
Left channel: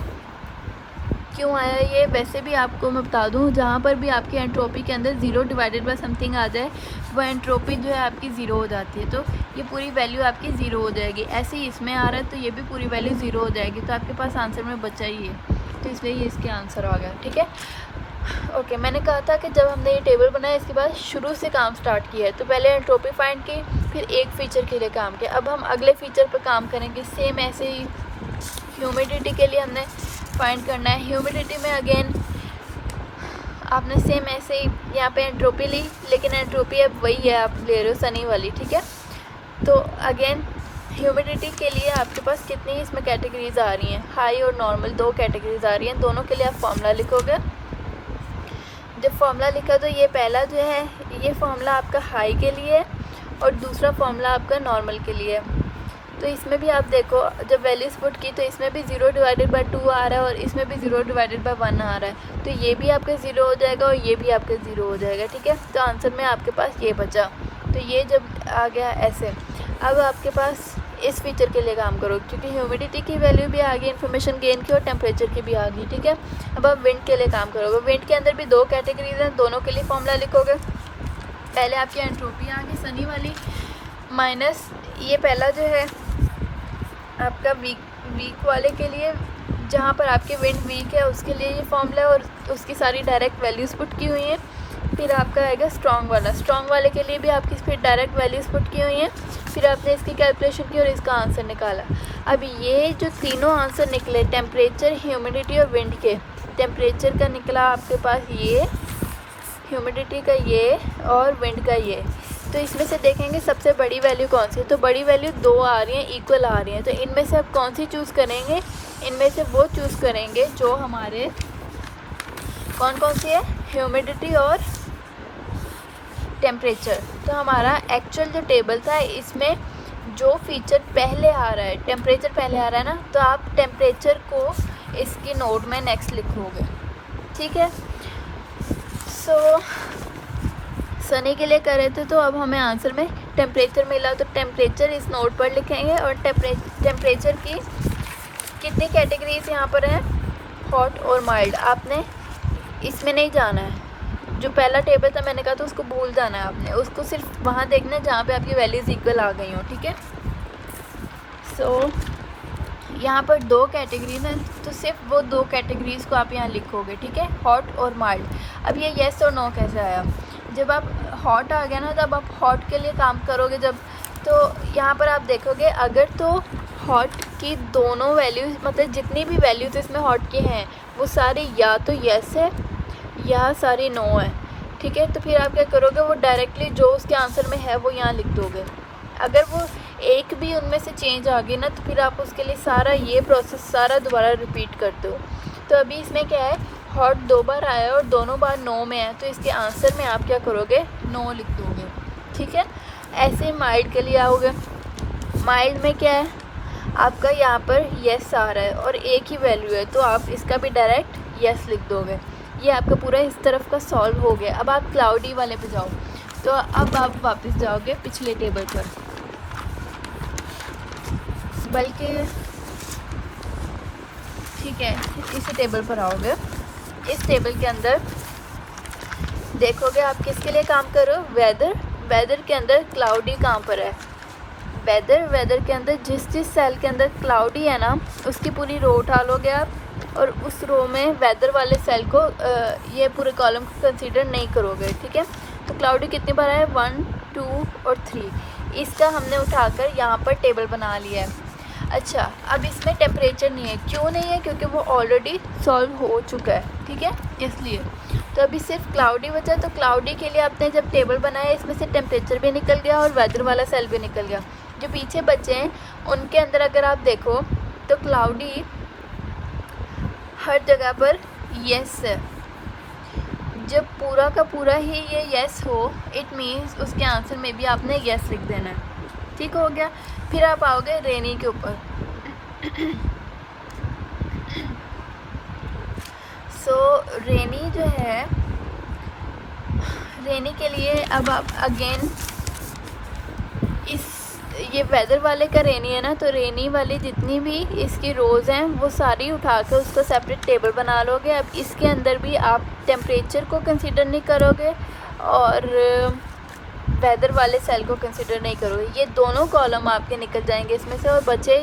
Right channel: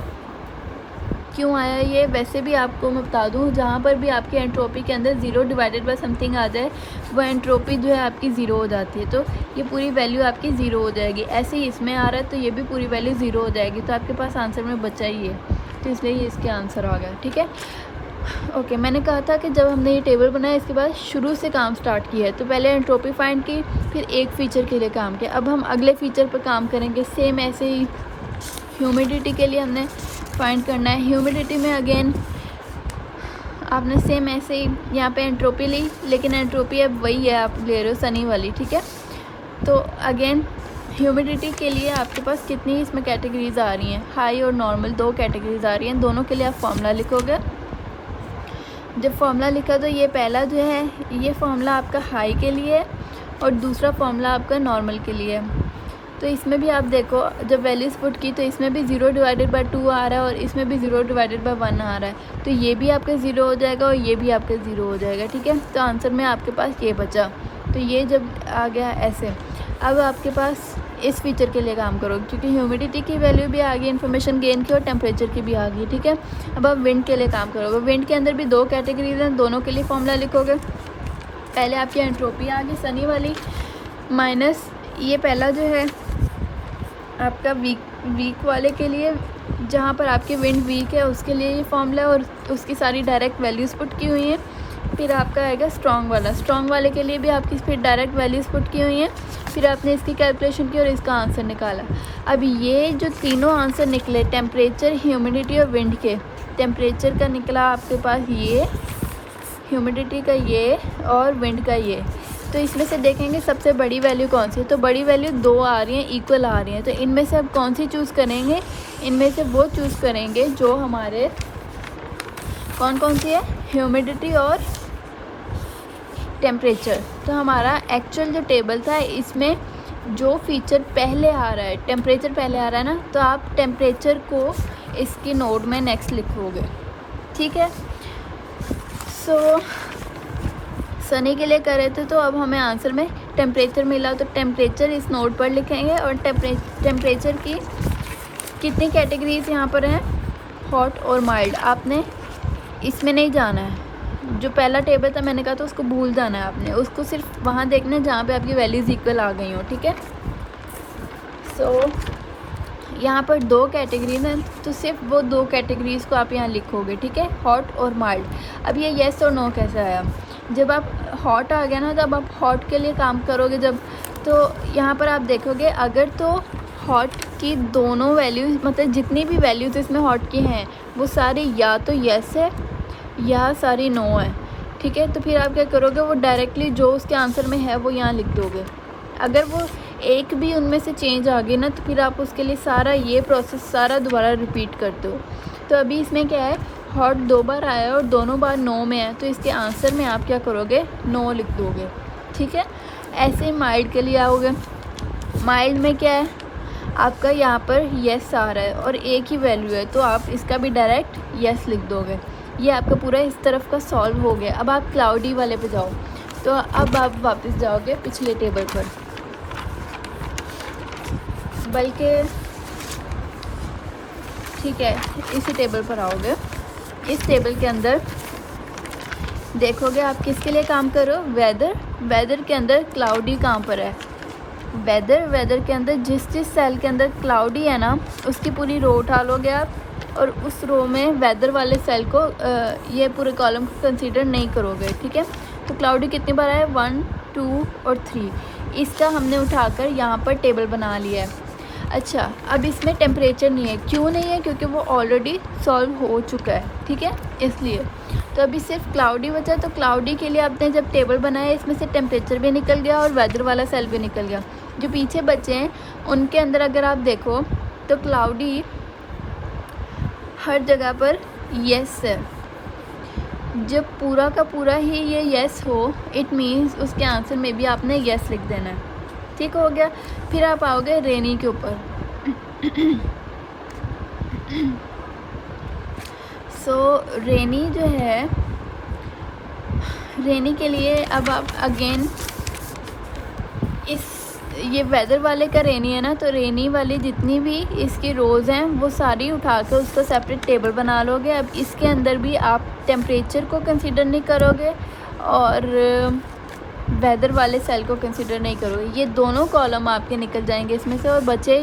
क्यों आया ये, वैसे भी आपको मैं बता दूं, जहाँ पर भी आपकी एंट्रोपी के अंदर 0/ समथिंग आ जाए, वो एंट्रोपी जो है आपकी 0 हो जाती है, तो ये पूरी वैल्यू आपकी 0 हो जाएगी। ऐसे ही इसमें आ रहा है तो ये भी पूरी वैल्यू 0 हो जाएगी, तो आपके पास आंसर में बचा ही है, तो इसलिए ये इसके आंसर आ गया, ठीक है। ओके, मैंने कहा था कि जब हमने ये टेबल बनाया इसके बाद शुरू से काम स्टार्ट किया है, तो पहले एंट्रोपी फाइंड की, फिर एक फ़ीचर के लिए काम किया, अब हम अगले फ़ीचर पर काम करेंगे। सेम ऐसे ही ह्यूमिडिटी के लिए हमने फाइंड करना है। ह्यूमिडिटी में अगेन आपने सेम ऐसे ही यहाँ पे एंट्रोपी ली, लेकिन एंट्रोपी अब वही है, आप ले रहे हो सनी वाली, ठीक है। तो अगेन ह्यूमिडिटी के लिए आपके पास कितनी इसमें कैटेगरीज आ रही हैं, हाई और नॉर्मल, 2 कैटेगरीज आ रही हैं, दोनों के लिए आप फॉर्मूला लिखोगे। जब फॉर्मूला लिखो तो ये पहला जो है ये फॉर्मूला आपका हाई के लिए है, और दूसरा फॉर्मूला आपका नॉर्मल के लिए है। तो इसमें भी आप देखो, जब वैल्यूज़ पुट की तो इसमें भी 0/2 आ रहा है, और इसमें भी 0/1 आ रहा है, तो ये भी आपका 0 हो जाएगा और ये भी आपका 0 हो जाएगा, ठीक है। तो आंसर में आपके पास ये बचा, तो ये जब आ गया ऐसे, अब आपके पास इस फीचर के लिए काम करो, क्योंकि ह्यूमिडिटी की वैल्यू भी आ गई, इन्फॉर्मेशन गेन की, और टेम्परेचर की भी आ गई, ठीक है। अब आप विंड के लिए काम करोगे, विंड के अंदर भी 2 कैटेगरीज हैं, दोनों के लिए फॉर्मूला लिखोगे। पहले आपकी एंट्रोपी आ गई सनी वाली, माइनस ये पहला जो है आपका वीक वाले के लिए, जहाँ पर आपकी विंड वीक है उसके लिए ये फॉर्मूला, और उसकी सारी डायरेक्ट वैल्यूज़ पुट की हुई है। फिर आपका आएगा स्ट्रॉन्ग वाला। स्ट्रॉन्ग वाले के लिए भी आपकी स्पीड डायरेक्ट वैल्यूज पुट की हुई है, फिर आपने इसकी कैलकुलेशन की और इसका आंसर निकाला। अब ये जो तीनों आंसर निकले टेम्परेचर, ह्यूमिडिटी और विंड के, टेम्परेचर का निकला आपके पास ये, ह्यूमिडिटी का ये और विंड का ये। तो इसमें से देखेंगे सबसे बड़ी वैल्यू कौन सी है, तो बड़ी वैल्यू 2 आ रही है, इक्वल आ रही है। तो इनमें से आप कौन सी चूज़ करेंगे, इनमें से वो चूज़ करेंगे जो हमारे कौन कौन सी है, ह्यूमिडिटी और टेम्परेचर। तो हमारा एक्चुअल जो टेबल था इसमें जो फीचर पहले आ रहा है, टेम्परेचर पहले आ रहा है ना, तो आप टेम्परेचर को इसकी नोड में नेक्स्ट लिखोगे, ठीक है। सो सनी के लिए कर रहे थे, तो अब हमें आंसर में टेम्परेचर मिला, तो टेम्परेचर इस नोड पर लिखेंगे। और टेम्परेचर की कितनी कैटेगरीज यहाँ पर है, हॉट और माइल्ड। आपने इसमें नहीं जाना है, जो पहला टेबल था मैंने कहा था उसको भूल जाना है आपने, उसको सिर्फ वहाँ देखना है जहाँ पे आपकी वैल्यूज इक्वल आ गई हो, ठीक है। सो यहाँ पर 2 कैटेगरीज हैं, तो सिर्फ वो 2 कैटेगरीज को आप यहाँ लिखोगे, ठीक है, हॉट और माइल्ड। अब ये येस और नो कैसे आया, जब आप हॉट आ गया ना, तब आप हॉट के लिए काम करोगे जब, तो यहाँ पर आप देखोगे अगर तो हॉट की दोनों वैल्यूज, मतलब जितनी भी वैल्यूज इसमें हॉट की हैं वो सारी या तो येस है या सारी नो है, ठीक है। तो फिर आप क्या करोगे, वो डायरेक्टली जो उसके आंसर में है वो यहाँ लिख दोगे। अगर वो एक भी उनमें से चेंज आ गई ना, तो फिर आप उसके लिए सारा ये प्रोसेस सारा दोबारा रिपीट करते हो। तो अभी इसमें क्या है, हॉट 2 बार आया और दोनों बार नो में है, तो इसके आंसर में आप क्या करोगे, नो लिख दोगे, ठीक है। ऐसे ही माइल्ड के लिए आओगे, माइल्ड में क्या है आपका यहाँ पर येस आ रहा है और एक ही वैल्यू है, तो आप इसका भी डायरेक्ट येस लिख दोगे। ये आपको पूरा इस तरफ का सॉल्व हो गया। अब आप क्लाउडी वाले पे जाओ, तो अब आप वापस जाओगे पिछले टेबल पर, बल्कि ठीक है इसी टेबल पर आओगे। इस टेबल के अंदर देखोगे आप किसके लिए काम करो, वेदर। वेदर के अंदर क्लाउडी कहाँ पर है, वेदर के अंदर जिस सेल के अंदर क्लाउडी है ना, उसकी पूरी रो उठा लोगे आप, और उस रो में वेदर वाले सेल को ये पूरे कॉलम को कंसीडर नहीं करोगे, ठीक है। तो क्लाउडी कितनी बार है, 1, 2 और 3, इसका हमने उठाकर यहाँ पर टेबल बना लिया है। अच्छा, अब इसमें टेम्परेचर नहीं है, क्यों नहीं है, क्योंकि वो ऑलरेडी सॉल्व हो चुका है, ठीक है, इसलिए। तो अभी सिर्फ क्लाउडी बचा, तो क्लाउडी के लिए आपने जब टेबल बनाया इसमें से टेम्परेचर भी निकल गया और वेदर वाला सेल भी निकल गया। जो पीछे बचे हैं उनके अंदर अगर आप देखो तो क्लाउडी हर जगह पर येस है। जब पूरा का पूरा ही ये येस हो, इट मीन्स उसके आंसर में भी आपने येस लिख देना है, ठीक हो गया। फिर आप आओगे रेनी के ऊपर। सो रेनी जो है, रेनी के लिए अब आप अगेन ये वेदर वाले का रेनी है ना, तो रेनी वाली जितनी भी इसकी रोज़ हैं वो सारी उठा कर उसका सेपरेट टेबल बना लोगे। अब इसके अंदर भी आप टेम्परेचर को कंसीडर नहीं करोगे और वेदर वाले सेल को कंसीडर नहीं करोगे। ये दोनों कॉलम आपके निकल जाएंगे इसमें से, और बचे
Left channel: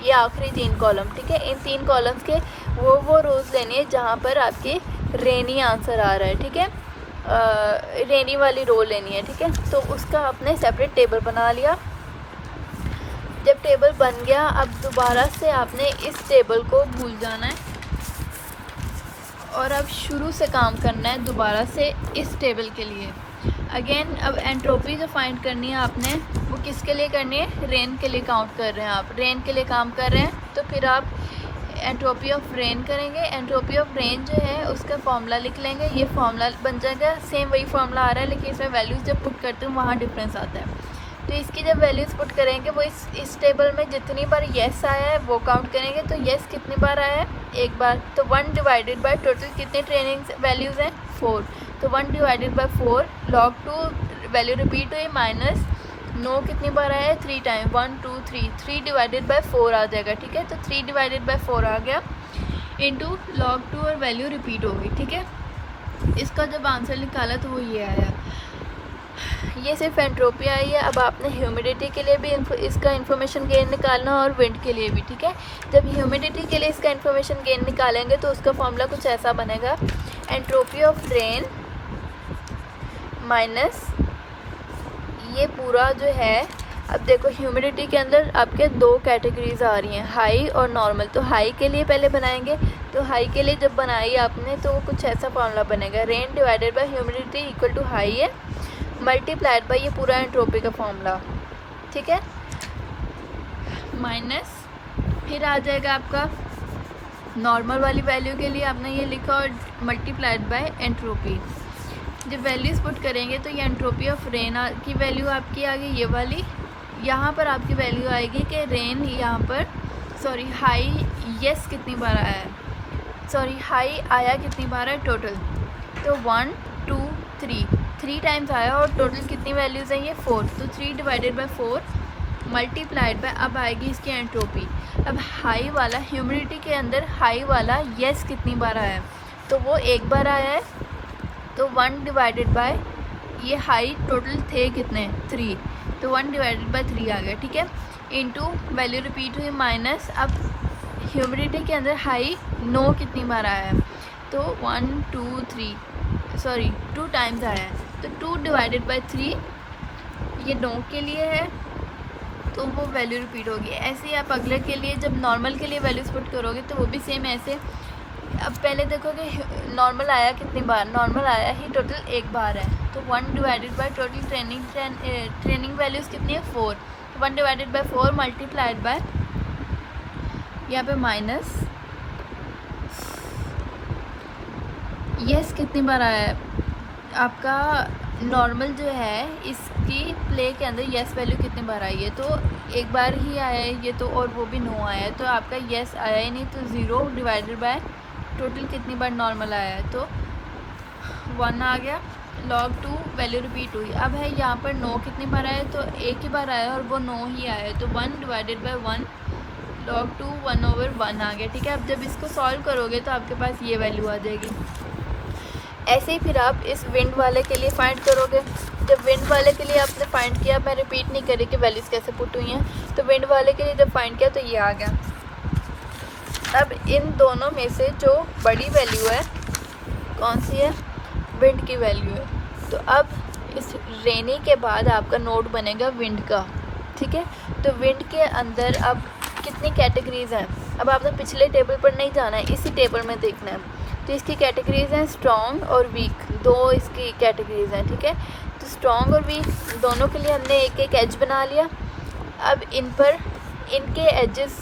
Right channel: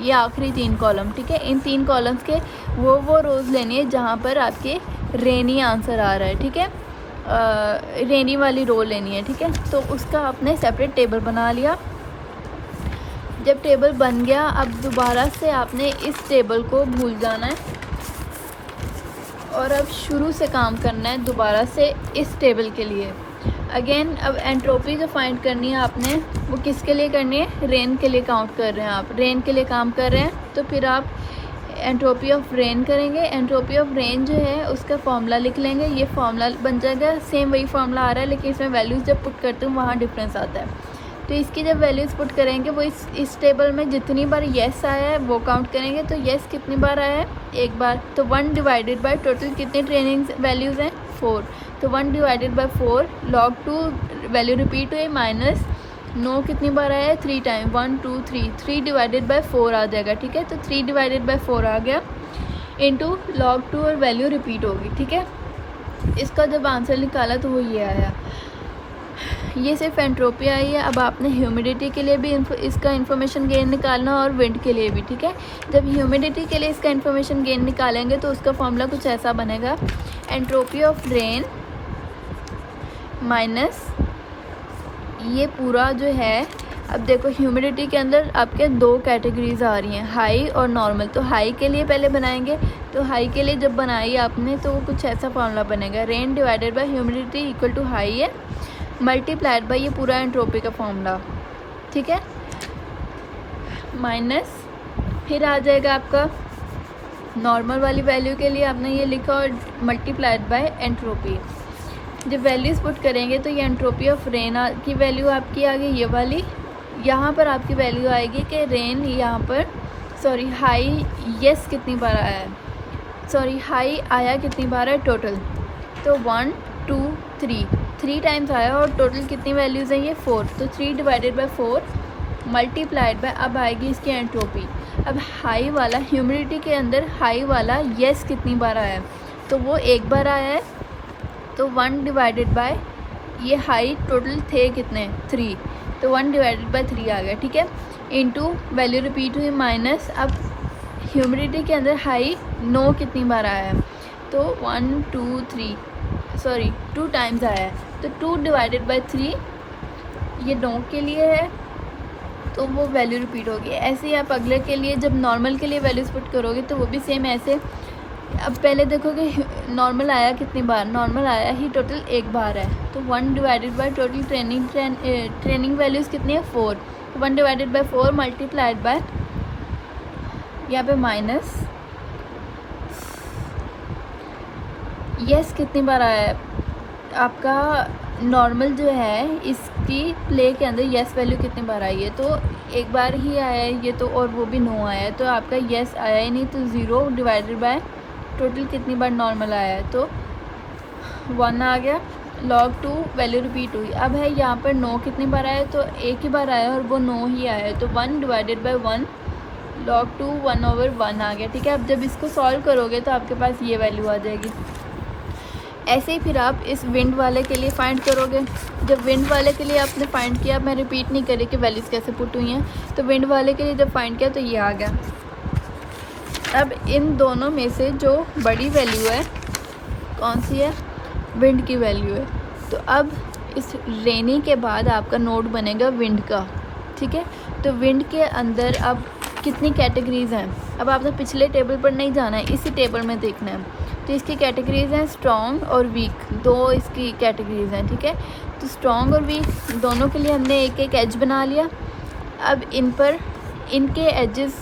ये आखिरी 3 कॉलम, ठीक है। इन 3 कॉलम्स के वो रोज़ लेनी है जहाँ पर आपके रेनी आंसर आ रहा है, ठीक है, रेनी वाली रो लेनी है, ठीक है। तो उसका आपने सेपरेट टेबल बना लिया। जब टेबल बन गया, अब दोबारा से आपने इस टेबल को भूल जाना है और अब शुरू से काम करना है दोबारा से इस टेबल के लिए। अगेन अब एंट्रोपी जो फाइंड करनी है आपने, वो किसके लिए करनी है, रेन के लिए काउंट कर रहे हैं आप, रेन के लिए काम कर रहे हैं, तो फिर आप एंट्रोपी ऑफ रेन करेंगे। एंट्रोपी ऑफ रेन जो है उसका फॉर्मूला लिख लेंगे, ये फॉर्मूला बन जाएगा, सेम वही फॉर्मूला आ रहा है लेकिन इसमें वैल्यूज़ जब पुट करते हैं वहाँ डिफरेंस आता है। तो इसकी जब वैल्यूज़ पुट करेंगे वो इस टेबल में जितनी बार येस आया है वो काउंट करेंगे। तो येस कितनी बार आया है, 1 बार, तो 1 डिवाइडेड बाय टोटल कितनी ट्रेनिंग वैल्यूज़ हैं, 4, तो 1 divided by 4 log 2 value repeat हुई, माइनस नो कितनी बार आया है, 3 टाइम, 1 2 3 डिवाइडेड बाय 4 आ जाएगा, ठीक है। तो 3 डिवाइडेड बाय 4 आ गया इंटू log 2 और वैल्यू रिपीट होगी, ठीक है। इसका जब आंसर निकाला तो वो ये आया, ये सिर्फ एंट्रोपी आई है। अब आपने ह्यूमिडिटी के लिए भी इसका इन्फॉर्मेशन गेन निकालना और विंड के लिए भी, ठीक है। जब ह्यूमिडिटी के लिए इसका इन्फॉर्मेशन गेन निकालेंगे तो उसका फॉर्मूला कुछ ऐसा बनेगा, एंट्रोपी ऑफ रेन माइनस ये पूरा जो है। अब देखो ह्यूमिडिटी के अंदर आपके दो कैटेगरीज आ रही हैं, हाई और नॉर्मल। तो हाई के लिए पहले बनाएंगे, तो हाई के लिए जब बनाई आपने तो कुछ ऐसा फॉर्मूला बनेगा, rain divided by humidity equal to high है मल्टीप्लाइड बाय ये पूरा एंट्रोपी का फॉर्मूला, ठीक है। माइनस फिर आ जाएगा आपका नॉर्मल वाली वैल्यू के लिए आपने ये लिखा और मल्टीप्लाइड बाय एंट्रोपी। जब वैल्यूज़ पुट करेंगे तो ये एंट्रोपी ऑफ रेन की वैल्यू आपकी आ गई ये वाली। यहाँ पर आपकी वैल्यू आएगी कि रेन यहाँ पर सॉरी हाई यस कितनी बार आया है, सॉरी हाई आया कितनी बार है टोटल, तो 1 2 3 टाइम्स आया और टोटल कितनी वैल्यूज़ हैं ये 4। तो 3 डिवाइडेड बाय 4 मल्टीप्लाइड बाय अब आएगी इसकी एंट्रोपी। अब हाई वाला ह्यूमिडिटी के अंदर हाई वाला यस कितनी बार आया है, तो वो एक बार आया है, तो 1 डिवाइडेड बाय ये हाई टोटल थे कितने 3, तो 1 डिवाइडेड बाय 3 आ गया, ठीक है। इनटू वैल्यू रिपीट हुई माइनस अब ह्यूमिडिटी के अंदर हाई नो कितनी बार आया है, तो 1 2 3 सॉरी 2 टाइम्स आया है, तो 2 डिवाइडेड बाय 3 ये नो के लिए है, तो वो वैल्यू रिपीट होगी। ऐसे ही आप अगले के लिए जब नॉर्मल के लिए वैल्यूज पुट करोगे तो वो भी सेम ऐसे। अब पहले देखोगे नॉर्मल आया कितनी बार, नॉर्मल आया ही टोटल एक बार है, तो 1 divided by total training values कितनी है 4, 1 डिवाइडेड बाय 4 मल्टीप्लाइड बाय यहाँ पे माइनस यस कितनी बार आया है आपका नॉर्मल जो है इसकी प्ले के अंदर यस वैल्यू कितनी बार आई है, तो एक बार ही आया है ये तो, और वो भी नो आया है, तो आपका यस आया ही नहीं, तो 0 डिवाइडेड बाय टोटल कितनी बार नॉर्मल आया है, तो 1 आ गया। log 2 वैल्यू रिपीट हुई। अब है यहाँ पर नो कितनी बार आया है, तो एक ही बार आया है और वो नो ही आया है, तो 1 डिवाइडेड बाय 1 log 2 1/1 आ गया, ठीक है। अब जब इसको सॉल्व करोगे तो आपके पास ये वैल्यू आ जाएगी। ऐसे ही फिर आप इस विंड वाले के लिए फाइंड करोगे। जब विंड वाले के लिए आपने फाइंड किया, मैं रिपीट नहीं करी कि वैल्यूज़ कैसे पुट हुई हैं, तो विंड वाले के लिए जब फाइंड किया तो ये आ गया। अब इन दोनों में से जो बड़ी वैल्यू है कौन सी है, विंड की वैल्यू है। तो अब इस रेनी के बाद आपका नोड बनेगा विंड का, ठीक है। तो विंड के अंदर अब कितनी कैटेगरीज हैं, अब आपने पिछले टेबल पर नहीं जाना है, इसी टेबल में देखना है। तो इसकी कैटेगरीज है स्ट्रॉन्ग और वीक, दो इसकी कैटेगरीज हैं, ठीक है। तो स्ट्रॉन्ग और वीक दोनों के लिए हमने एक एक एज बना लिया। अब इन पर इनके एजेस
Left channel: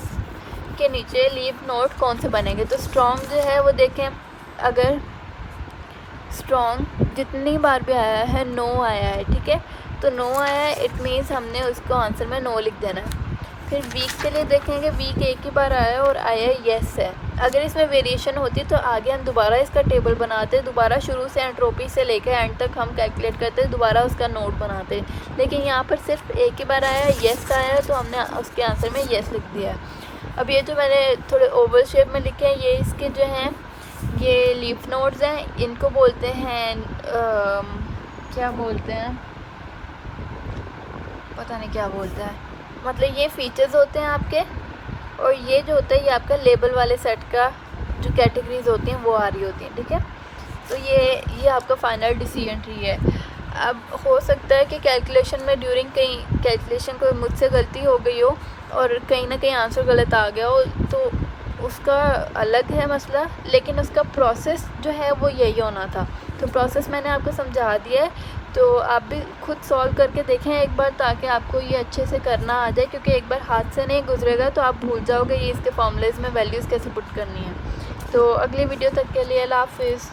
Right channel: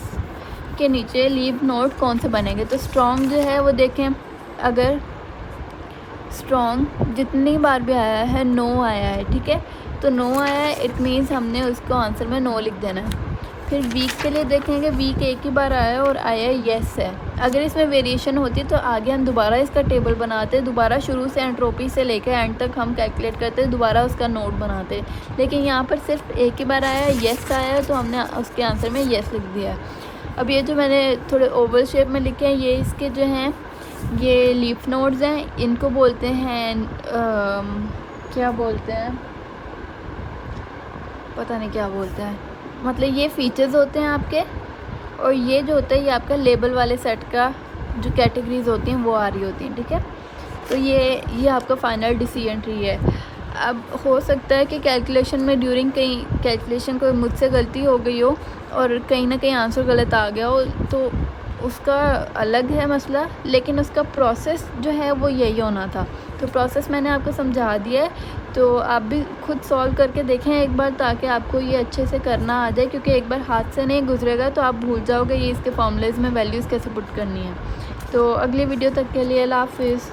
के नीचे लीफ नोड कौन से बनेंगे, तो स्ट्रॉन्ग जो है वो देखें, अगर स्ट्रॉन्ग जितनी बार भी आया है नो आया है, ठीक है, तो नो आया है, इट मीन्स हमने उसको आंसर में नो लिख देना है। फिर वीक के लिए देखेंगे, वीक एक ही बार आया और आया येस है। अगर इसमें वेरिएशन होती है तो आगे हम दोबारा इसका टेबल बनाते हैं, दोबारा शुरू से एंट्रोपी से लेकर एंड तक हम कैलकुलेट करते हैं, दोबारा उसका नोट बनाते हैं। लेकिन यहाँ पर सिर्फ एक ही बार आया है, येस आया, तो हमने उसके आंसर में येस लिख दिया। अब ये जो मैंने थोड़े ओवल शेप में लिखे हैं, ये इसके जो हैं ये लीफ नोड्स हैं, इनको बोलते हैं क्या बोलते हैं, पता नहीं क्या बोलते हैं, मतलब ये फीचर्स होते हैं आपके, और ये जो होता है ये आपका लेबल वाले सेट का जो कैटेगरीज होती हैं वो आ रही होती है, ठीक है। तो ये आपका फाइनल डिसीजन ट्री है। अब हो सकता है कि कैलकुलेशन में ड्यूरिंग कई कैलकुलेशन कोई मुझसे गलती हो गई हो और कहीं ना कहीं आंसर गलत आ गया हो, तो उसका अलग है मसला, लेकिन उसका प्रोसेस जो है वो यही होना था। तो प्रोसेस मैंने आपको समझा दिया है, तो आप भी खुद सॉल्व करके देखें एक बार, ताकि आपको ये अच्छे से करना आ जाए, क्योंकि एक बार हाथ से नहीं गुजरेगा तो आप भूल जाओगे ये इसके फॉर्मूलेज में वैल्यूज़ कैसे पुट करनी है। तो अगली वीडियो तक के लिए अल्लाह हाफिज़।